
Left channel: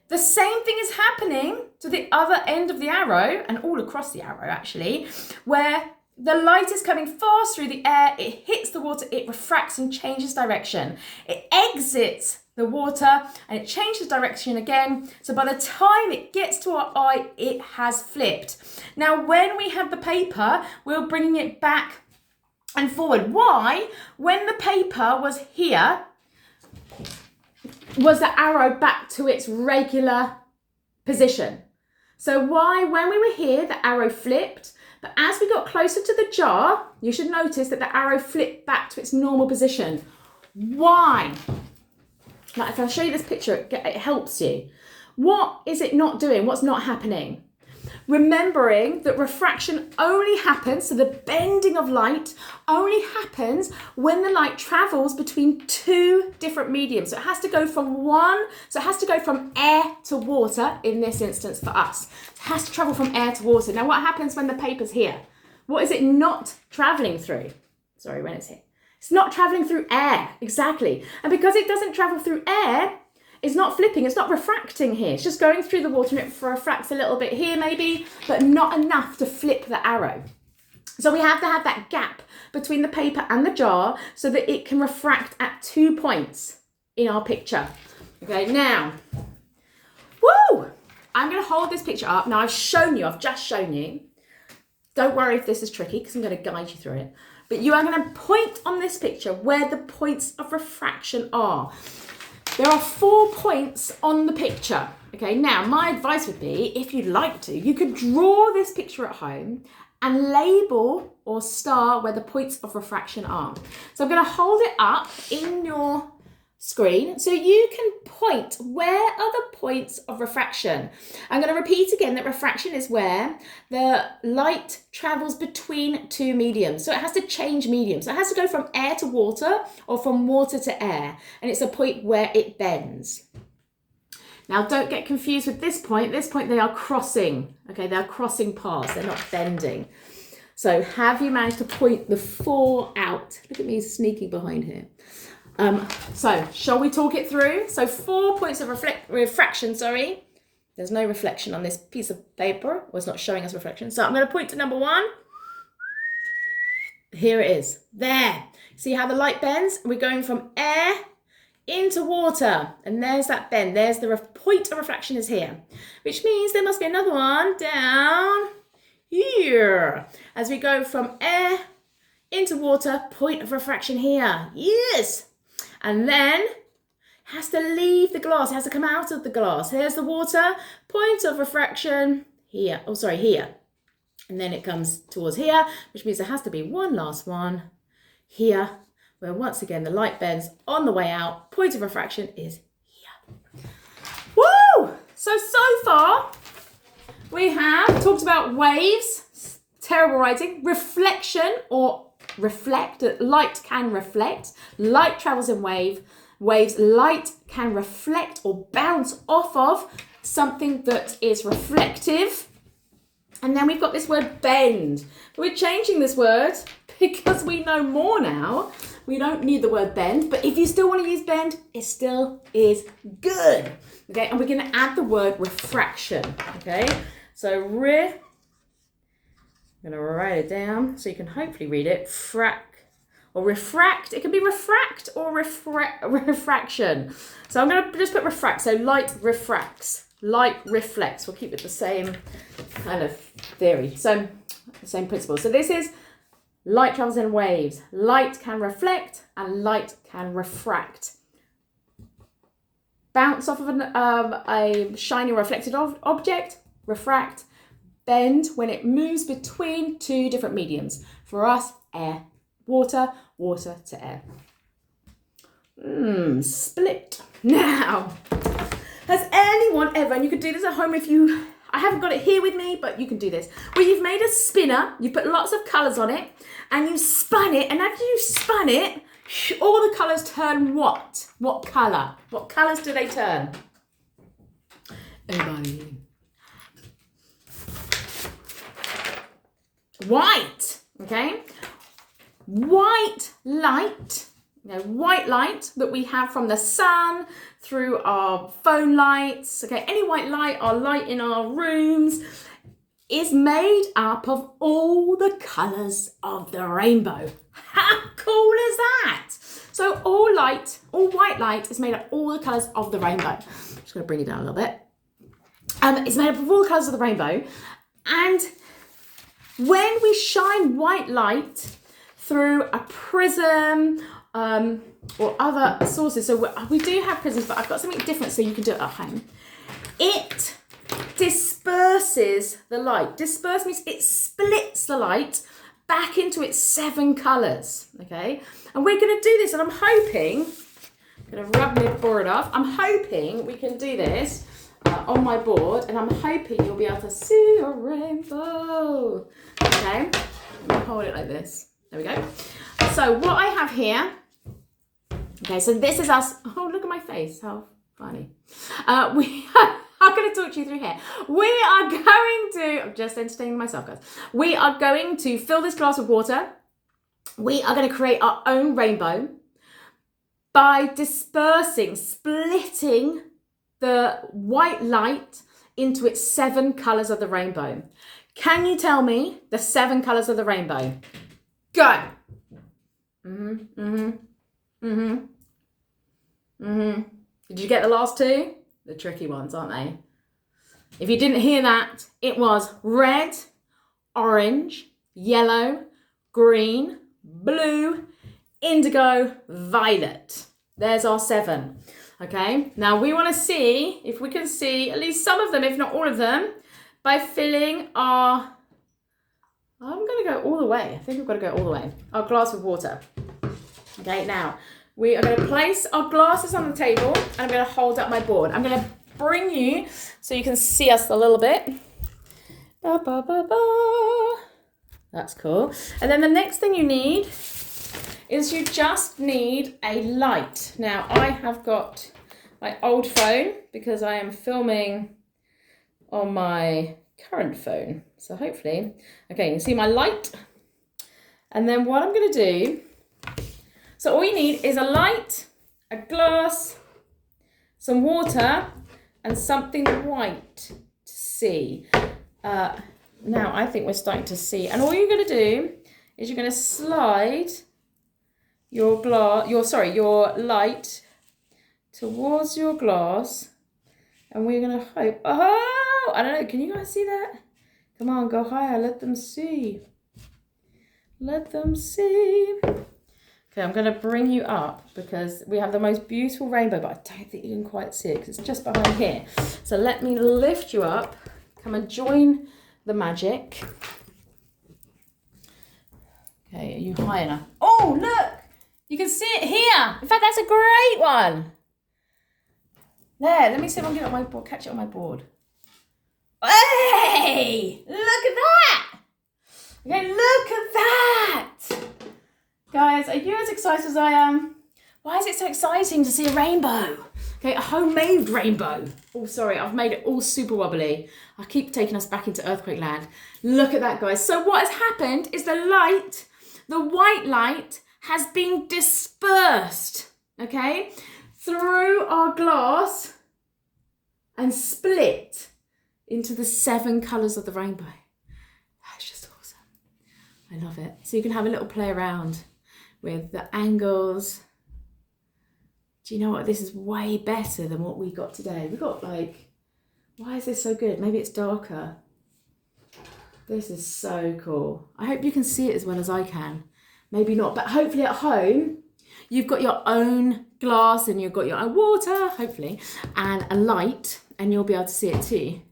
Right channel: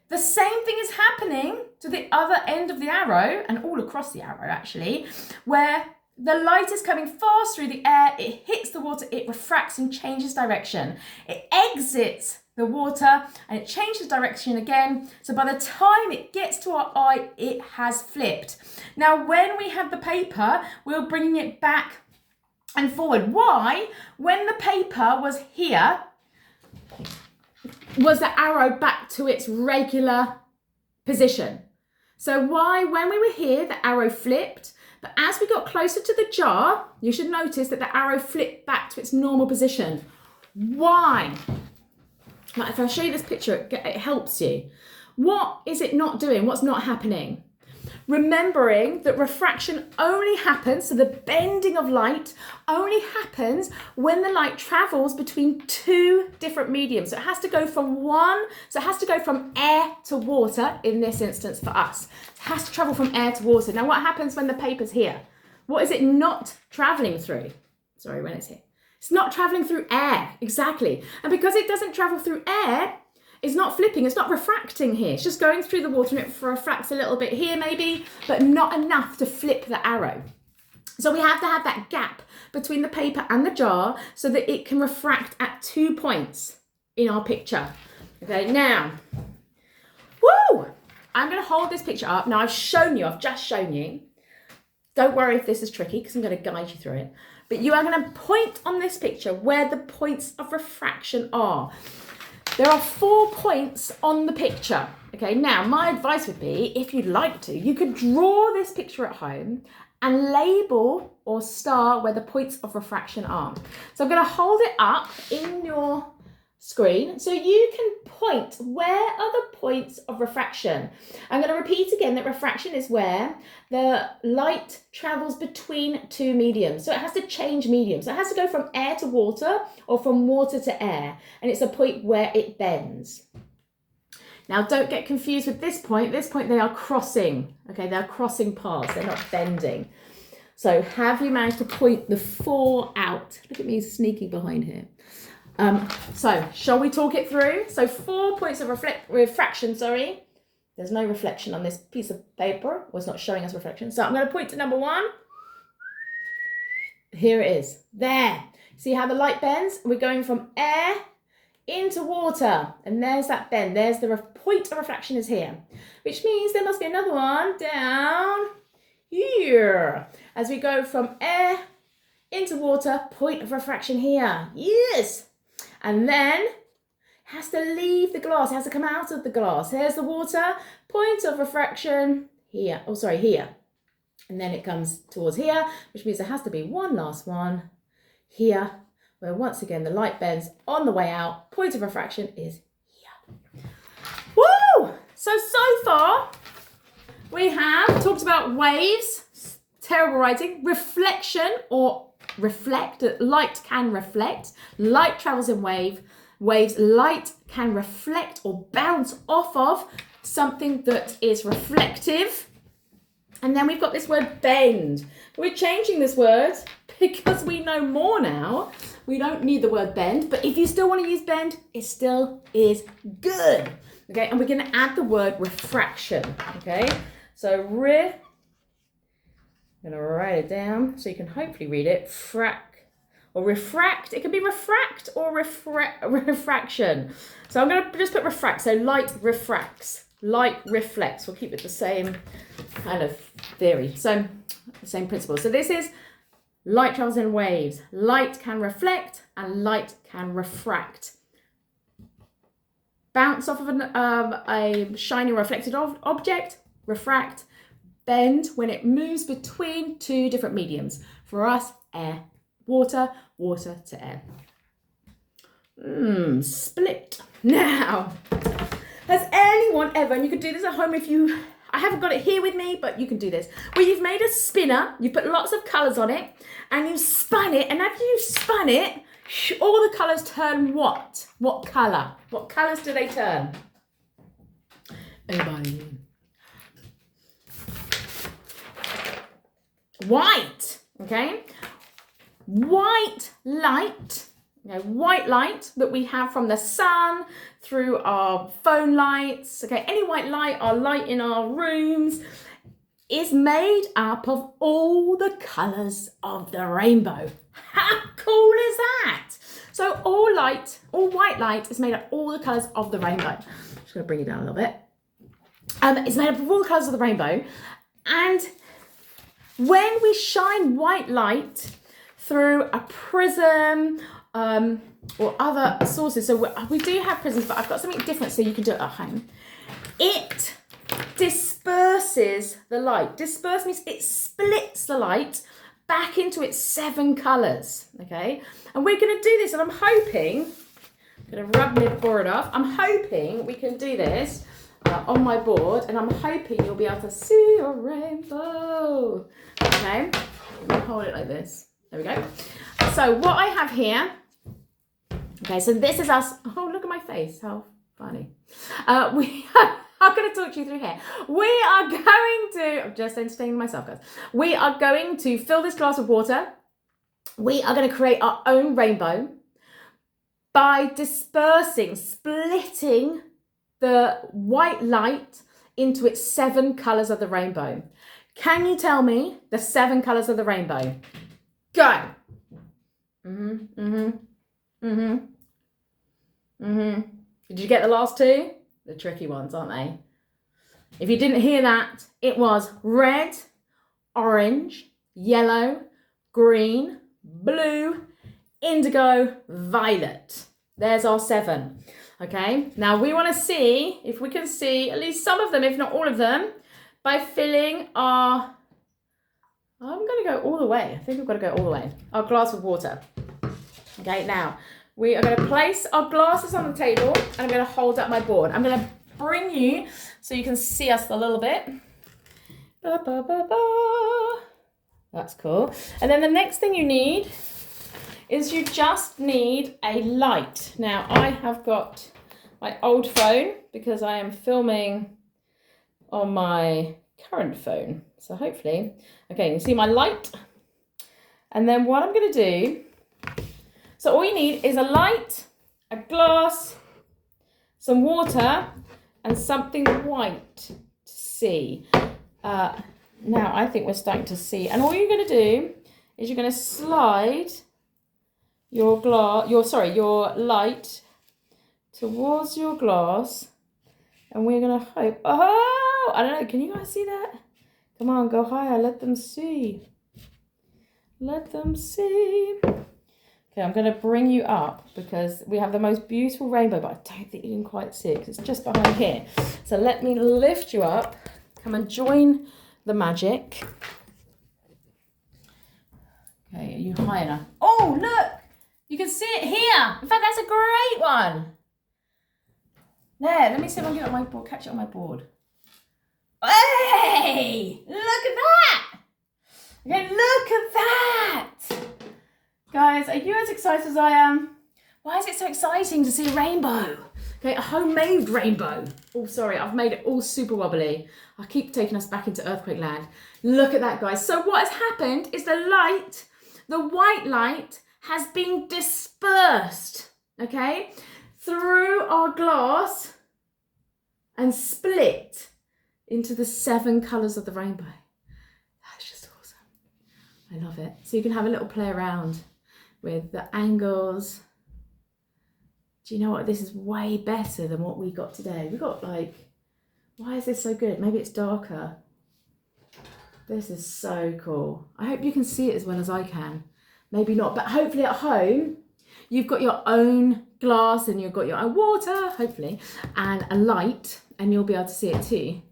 The same thing is happening to the other end of the arrow, and all across the arrow actually, where the light is coming fast through the air, it hits the water, it refracts and changes direction. It exits the water and it changes direction again. So by the time it gets to our eye, it has flipped. Now, when we had the paper, we were bringing it back and forward. Why? When the paper was here, was the arrow back to its regular position. So why, when we were here, the arrow flipped, but as we got closer to the jar, you should notice that the arrow flipped back to its normal position. Why? Now, if I show you this picture, it helps you. What is it not doing? What's not happening? Remembering that refraction only happens, so the bending of light only happens when the light travels between two different mediums. So it has to go from air to water in this instance for us. It has to travel from air to water. Now, what happens when the paper's here? What is it not traveling through? Sorry, when it's here. It's not traveling through air, exactly. And because it doesn't travel through air, it's not flipping, it's not refracting here. It's just going through the water and it refracts a little bit here maybe, but not enough to flip the arrow. So we have to have that gap between the paper and the jar so that it can refract at 2 points in our picture. Okay, now, I'm gonna hold this picture up. Now I've just shown you. Don't worry if this is tricky because I'm gonna guide you through it. But you are gonna point on this picture where the points of refraction are. There are 4 points on the picture. Okay, now my advice would be, if you'd like to, you could draw this picture at home and label or star where the points of refraction are. So I'm going to hold it up in your screen so you can point where are the points of refraction. I'm going to repeat again that refraction is where the light travels between two mediums. So it has to change medium. So it has to go from air to water or from water to air. And it's a point where it bends. Now don't get confused with this point. This point they are crossing. Okay, they're crossing paths. They're not bending. So have you managed to point the 4 out? Look at me sneaking behind here. So shall we talk it through? So 4 points of refraction, sorry. There's no reflection on this piece of paper. Well, it's not showing us reflection. So I'm going to point to number 1. Here it is. There. See how the light bends? We're going from air into water. And there's that bend. There's the point of refraction is here. Which means there must be another one down here. As we go from air into water, point of refraction here. Yes. And then has to leave the glass, has to come out of the glass. There's the water, point of refraction here. Oh, sorry, here. And then it comes towards here, which means there has to be one last one here, where once again the light bends on the way out. Point of refraction is here. Woo! So far we have talked about waves, terrible writing. Reflection or reflect. Light can reflect. Light travels in waves. Light can reflect or bounce off of something that is reflective. And then we've got this word bend. We're changing this word because we know more now. We don't need the word bend, but if you still want to use bend, it still is good. Okay, and we're going to add the word refraction. Okay, so I'm going to write it down so you can hopefully read it. Or refract. It can be refract or refraction. So I'm going to just put refract. So light refracts. Light reflects. We'll keep it the same kind of theory. So the same principle. So this is light travels in waves. Light can reflect and light can refract. Bounce off of a shiny reflected object. Refract. Bend when it moves between two different mediums. For us, air, water, water to air. Split. Now, has anyone ever, and you can do this at home I haven't got it here with me, but you can do this, where you've made a spinner, you put lots of colours on it, and you spun it, and after you spun it, all the colours turn what? What colour? What colours do they turn? Everybody. White, okay? White light, white light that we have from the sun, through our phone lights, okay, any white light, our light in our rooms, is made up of all the colours of the rainbow. How cool is that? So all white light is made up of all the colours of the rainbow. I'm just going to bring it down a little bit. It's made up of all the colours of the rainbow. And when we shine white light through a prism, or other sources. So we do have prisms, but I've got something different so you can do it at home. It disperses the light. Disperse means it splits the light back into its 7 colours, okay? And we're going to do this, and I'm hoping, I'm going to rub my board off, I'm hoping we can do this on my board, and I'm hoping you'll be able to see your rainbow, okay? Let me hold it like this. There we go. So what I have here, okay, so this is us. Oh, look at my face. How funny. I'm going to talk you through here. We are going to, I'm just entertaining myself, guys. We are going to fill this glass with water. We are going to create our own rainbow by dispersing, splitting the white light into its 7 colours of the rainbow. Can you tell me the 7 colours of the rainbow? Go. Did you get the last 2? The tricky ones, aren't they? If you didn't hear that, it was red, orange, yellow, green, blue, indigo, violet. There's our 7. Okay, now we want to see if we can see at least some of them, if not all of them, by filling our, I'm going to go all the way. I think we've got to go all the way. Our glass of water. Okay, now we are going to place our glasses on the table and I'm going to hold up my board. I'm going to bring you so you can see us a little bit. Ba, ba, ba, ba. That's cool. And then the next thing you need is you just need a light. Now I have got my old phone because I am filming on my current phone. So hopefully, okay, you can see my light. And then what I'm going to do, so all you need is a light, a glass, some water, and something white to see. Now I think we're starting to see. And all you're going to do is you're going to slide your light towards your glass, and we're going to hope, oh, I don't know, can you guys see that? Come on, go higher, let them see. Let them see. Okay, I'm going to bring you up because we have the most beautiful rainbow, but I don't think you can quite see it because it's just behind here. So let me lift you up. Come and join the magic. Okay, are you high enough? Oh, look! You can see it here. In fact, that's a great one. There, let me see if I can get it on my board, catch it on my board. Hey! Look at that! Okay, look at that! Guys, are you as excited as I am? Why is it so exciting to see a rainbow? Okay, a homemade rainbow. Oh, sorry, I've made it all super wobbly. I keep taking us back into earthquake land. Look at that, guys. So what has happened is the white light, has been dispersed, okay, through our glass and split into the 7 colours of the rainbow. That's just awesome. I love it. So you can have a little play around with the angles. Do you know what? This is way better than what we got today. We got why is this so good? Maybe it's darker. This is so cool. I hope you can see it as well as I can. Maybe not, but hopefully at home, you've got your own glass and you've got your own water, hopefully, and a light, and you'll be able to see it too,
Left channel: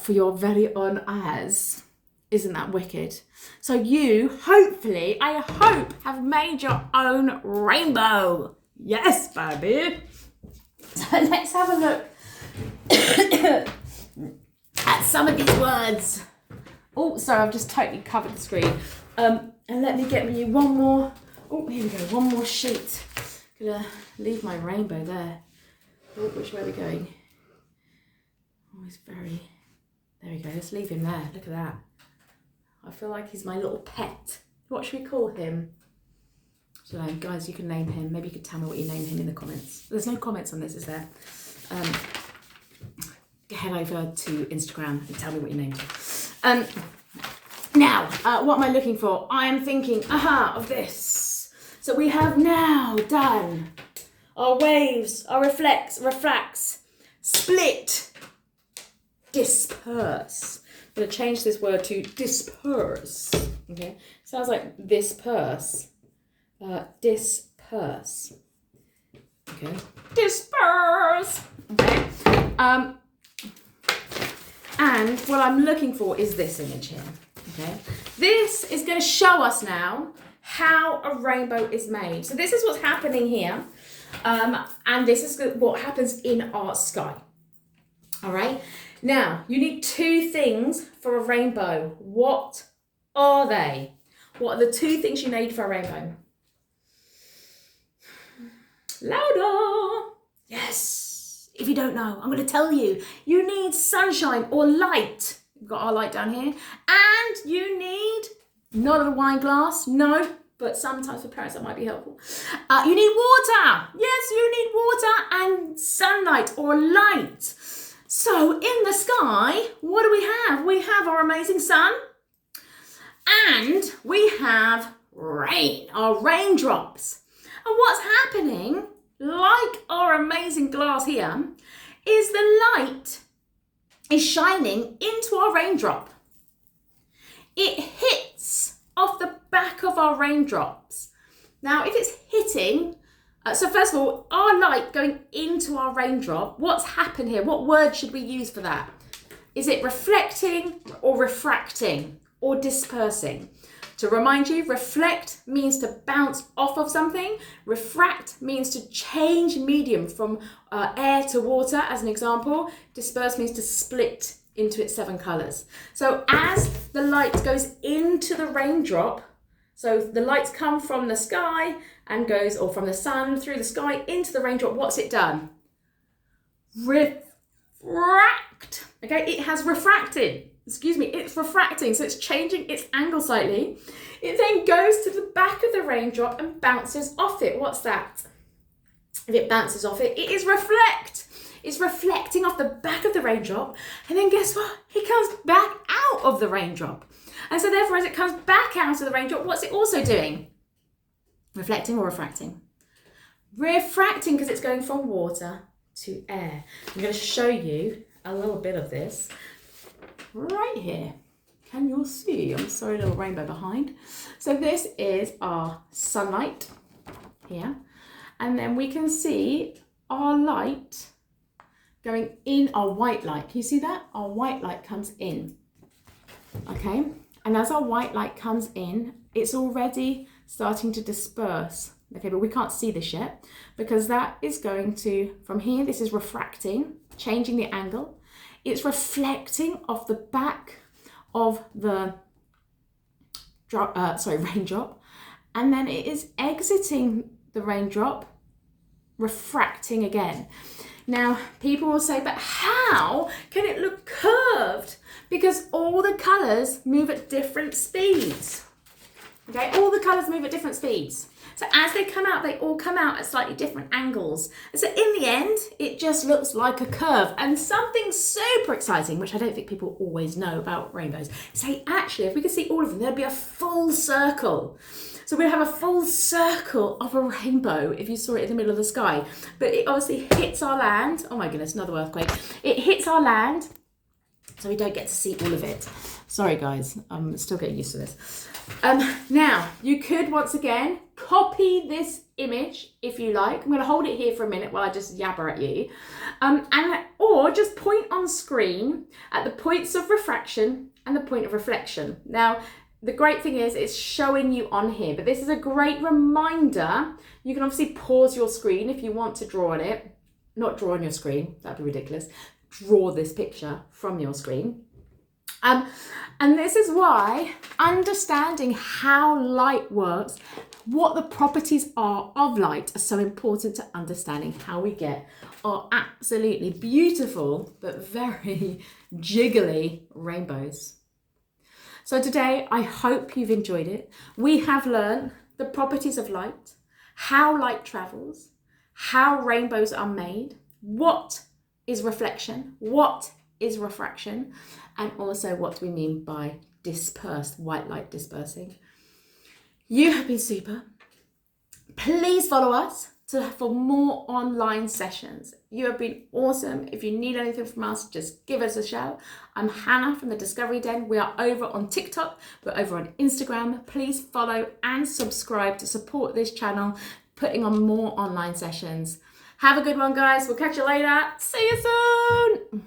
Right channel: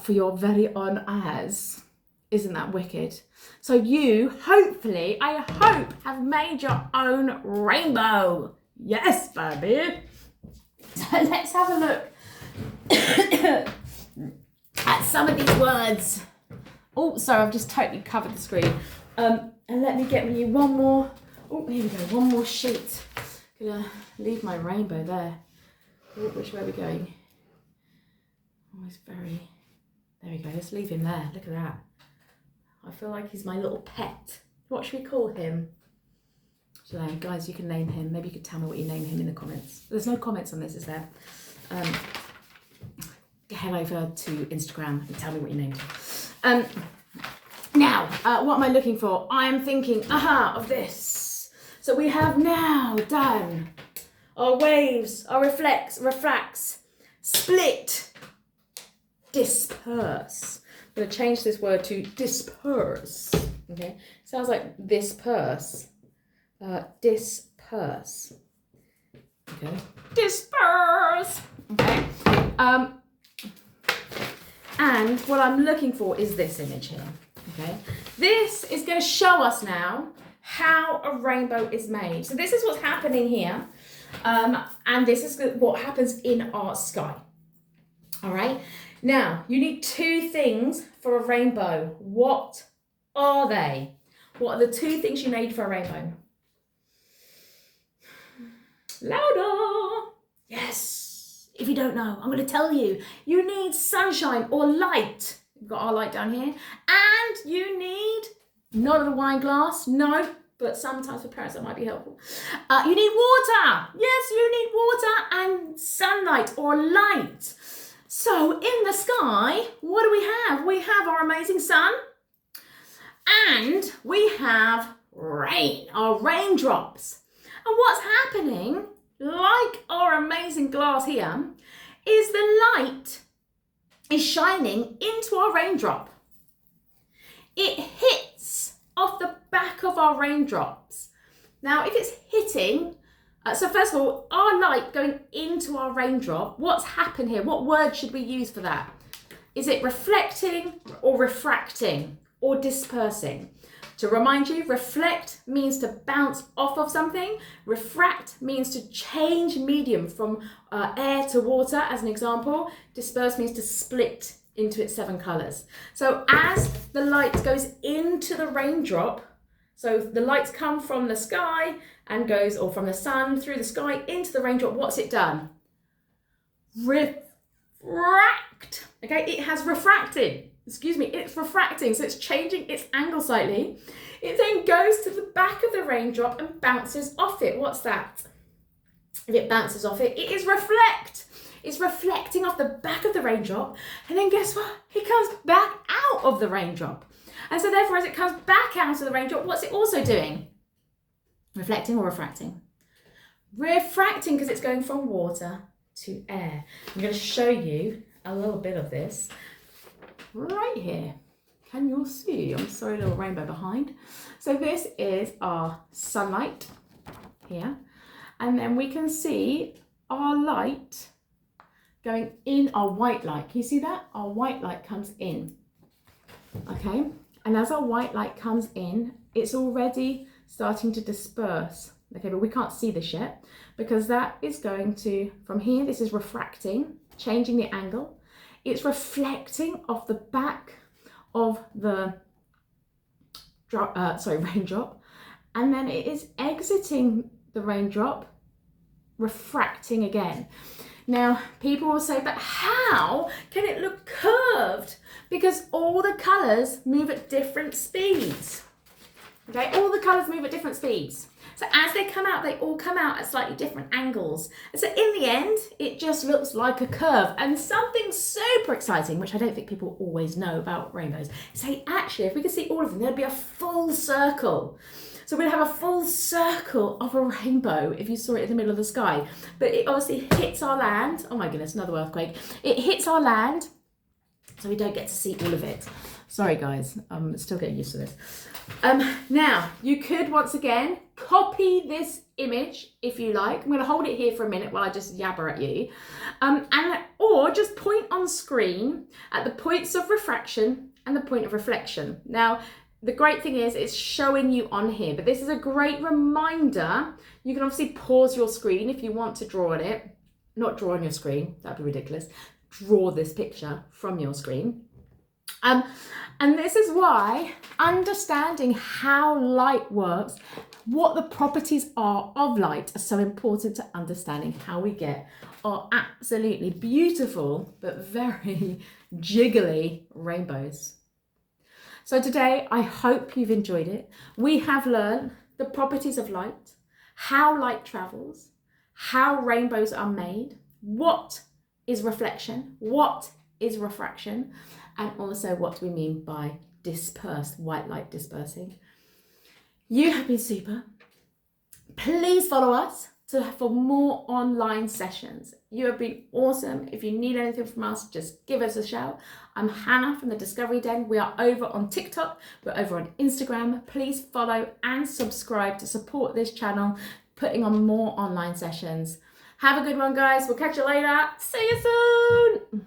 for your very own eyes. Isn't that wicked? So you, hopefully, I hope, have made your own rainbow. Yes, baby. So let's have a look at some of these words. Oh, sorry, I've just totally covered the screen. And let me get you one more. Oh, here we go. One more sheet. Gonna leave my rainbow there. Oh, which way are we going? Oh, he's very. There we go. Let's leave him there. Look at that. I feel like he's my little pet. What should we call him? So, guys, you can name him. Maybe you could tell me what you name him in the comments. There's no comments on this, is there? Head over to Instagram and tell me what you named him. Now, what am I looking for? I am thinking, of this. So we have now done our waves, our refracts, split, disperse. I'm going to change this word to disperse. Okay, sounds like disperse. Disperse. Okay, disperse. Okay. And what I'm looking for is this image here. Okay, this is going to show us now how a rainbow is made. So this is what's happening here, and this is what happens in our sky. All right, now you need 2 things for a rainbow. What are they? What are the 2 things you need for a rainbow? Louder. Yes. If you don't know, I'm going to tell you. You need sunshine or light. We've got our light down here. And you need, not a wine glass, no, but sometimes for parents that might be helpful. You need water. Yes, you need water and sunlight or light. So in the sky, what do we have? We have our amazing sun and we have rain, our raindrops. And what's happening, like our amazing glass here, is the light is shining into our raindrop. It hits off the back of our raindrops. Now, if it's hitting, so first of all, our light going into our raindrop, what's happened here? What word should we use for that? Is it reflecting or refracting or dispersing? To remind you, reflect means to bounce off of something. Refract means to change medium from air to water, as an example. Disperse means to split into its 7 colours. So as the light goes into the raindrop, so the lights come from the sky and goes, or from the sun through the sky into the raindrop, what's it done? Refract. Okay, it has refracted. Excuse me, it's refracting, so it's changing its angle slightly. It then goes to the back of the raindrop and bounces off it. What's that? If it bounces off it, it is reflect. It's reflecting off the back of the raindrop, and then guess what? It comes back out of the raindrop. And so therefore, as it comes back out of the raindrop, what's it also doing? Reflecting or refracting? Refracting, because it's going from water to air. I'm going to show you a little bit of this right here. Can you all see? I'm sorry, a little rainbow behind. So this is our sunlight here. And then we can see our light going in, our white light. Can you see that? Our white light comes in. Okay. And as our white light comes in, it's already starting to disperse. Okay, but we can't see this yet because that is going to, from here, this is refracting, changing the angle. It's reflecting off the back of the raindrop, and then it is exiting the raindrop, refracting again. Now, people will say, but how can it look curved? Because all the colours move at different speeds. Okay, all the colours move at different speeds. So as they come out, they all come out at slightly different angles. And so in the end, it just looks like a curve. And something super exciting, which I don't think people always know about rainbows, say actually, if we could see all of them, there'd be a full circle. So we'd have a full circle of a rainbow if you saw it in the middle of the sky. But it obviously hits our land. Oh my goodness, another earthquake. It hits our land, so we don't get to see all of it. Sorry guys, I'm still getting used to this. Now, you could once again copy this image if you like. I'm going to hold it here for a minute while I just yabber at you. Or just point on screen at the points of refraction and the point of reflection. Now, the great thing is it's showing you on here, but this is a great reminder. You can obviously pause your screen if you want to draw on it. Not draw on your screen, that'd be ridiculous. Draw this picture from your screen. And this is why understanding how light works, what the properties are of light, are so important to understanding how we get our absolutely beautiful but very jiggly rainbows. So today, I hope you've enjoyed it. We have learned the properties of light, how light travels, how rainbows are made, what is reflection, what is refraction, and also what we mean by dispersed, white light dispersing. You have been super. Please follow us for more online sessions. You have been awesome. If you need anything from us, just give us a shout. I'm Hannah from the Discovery Den. We are over on TikTok. We're over on Instagram. Please follow and subscribe to support this channel, putting on more online sessions. Have a good one, guys. We'll catch you later. See you soon.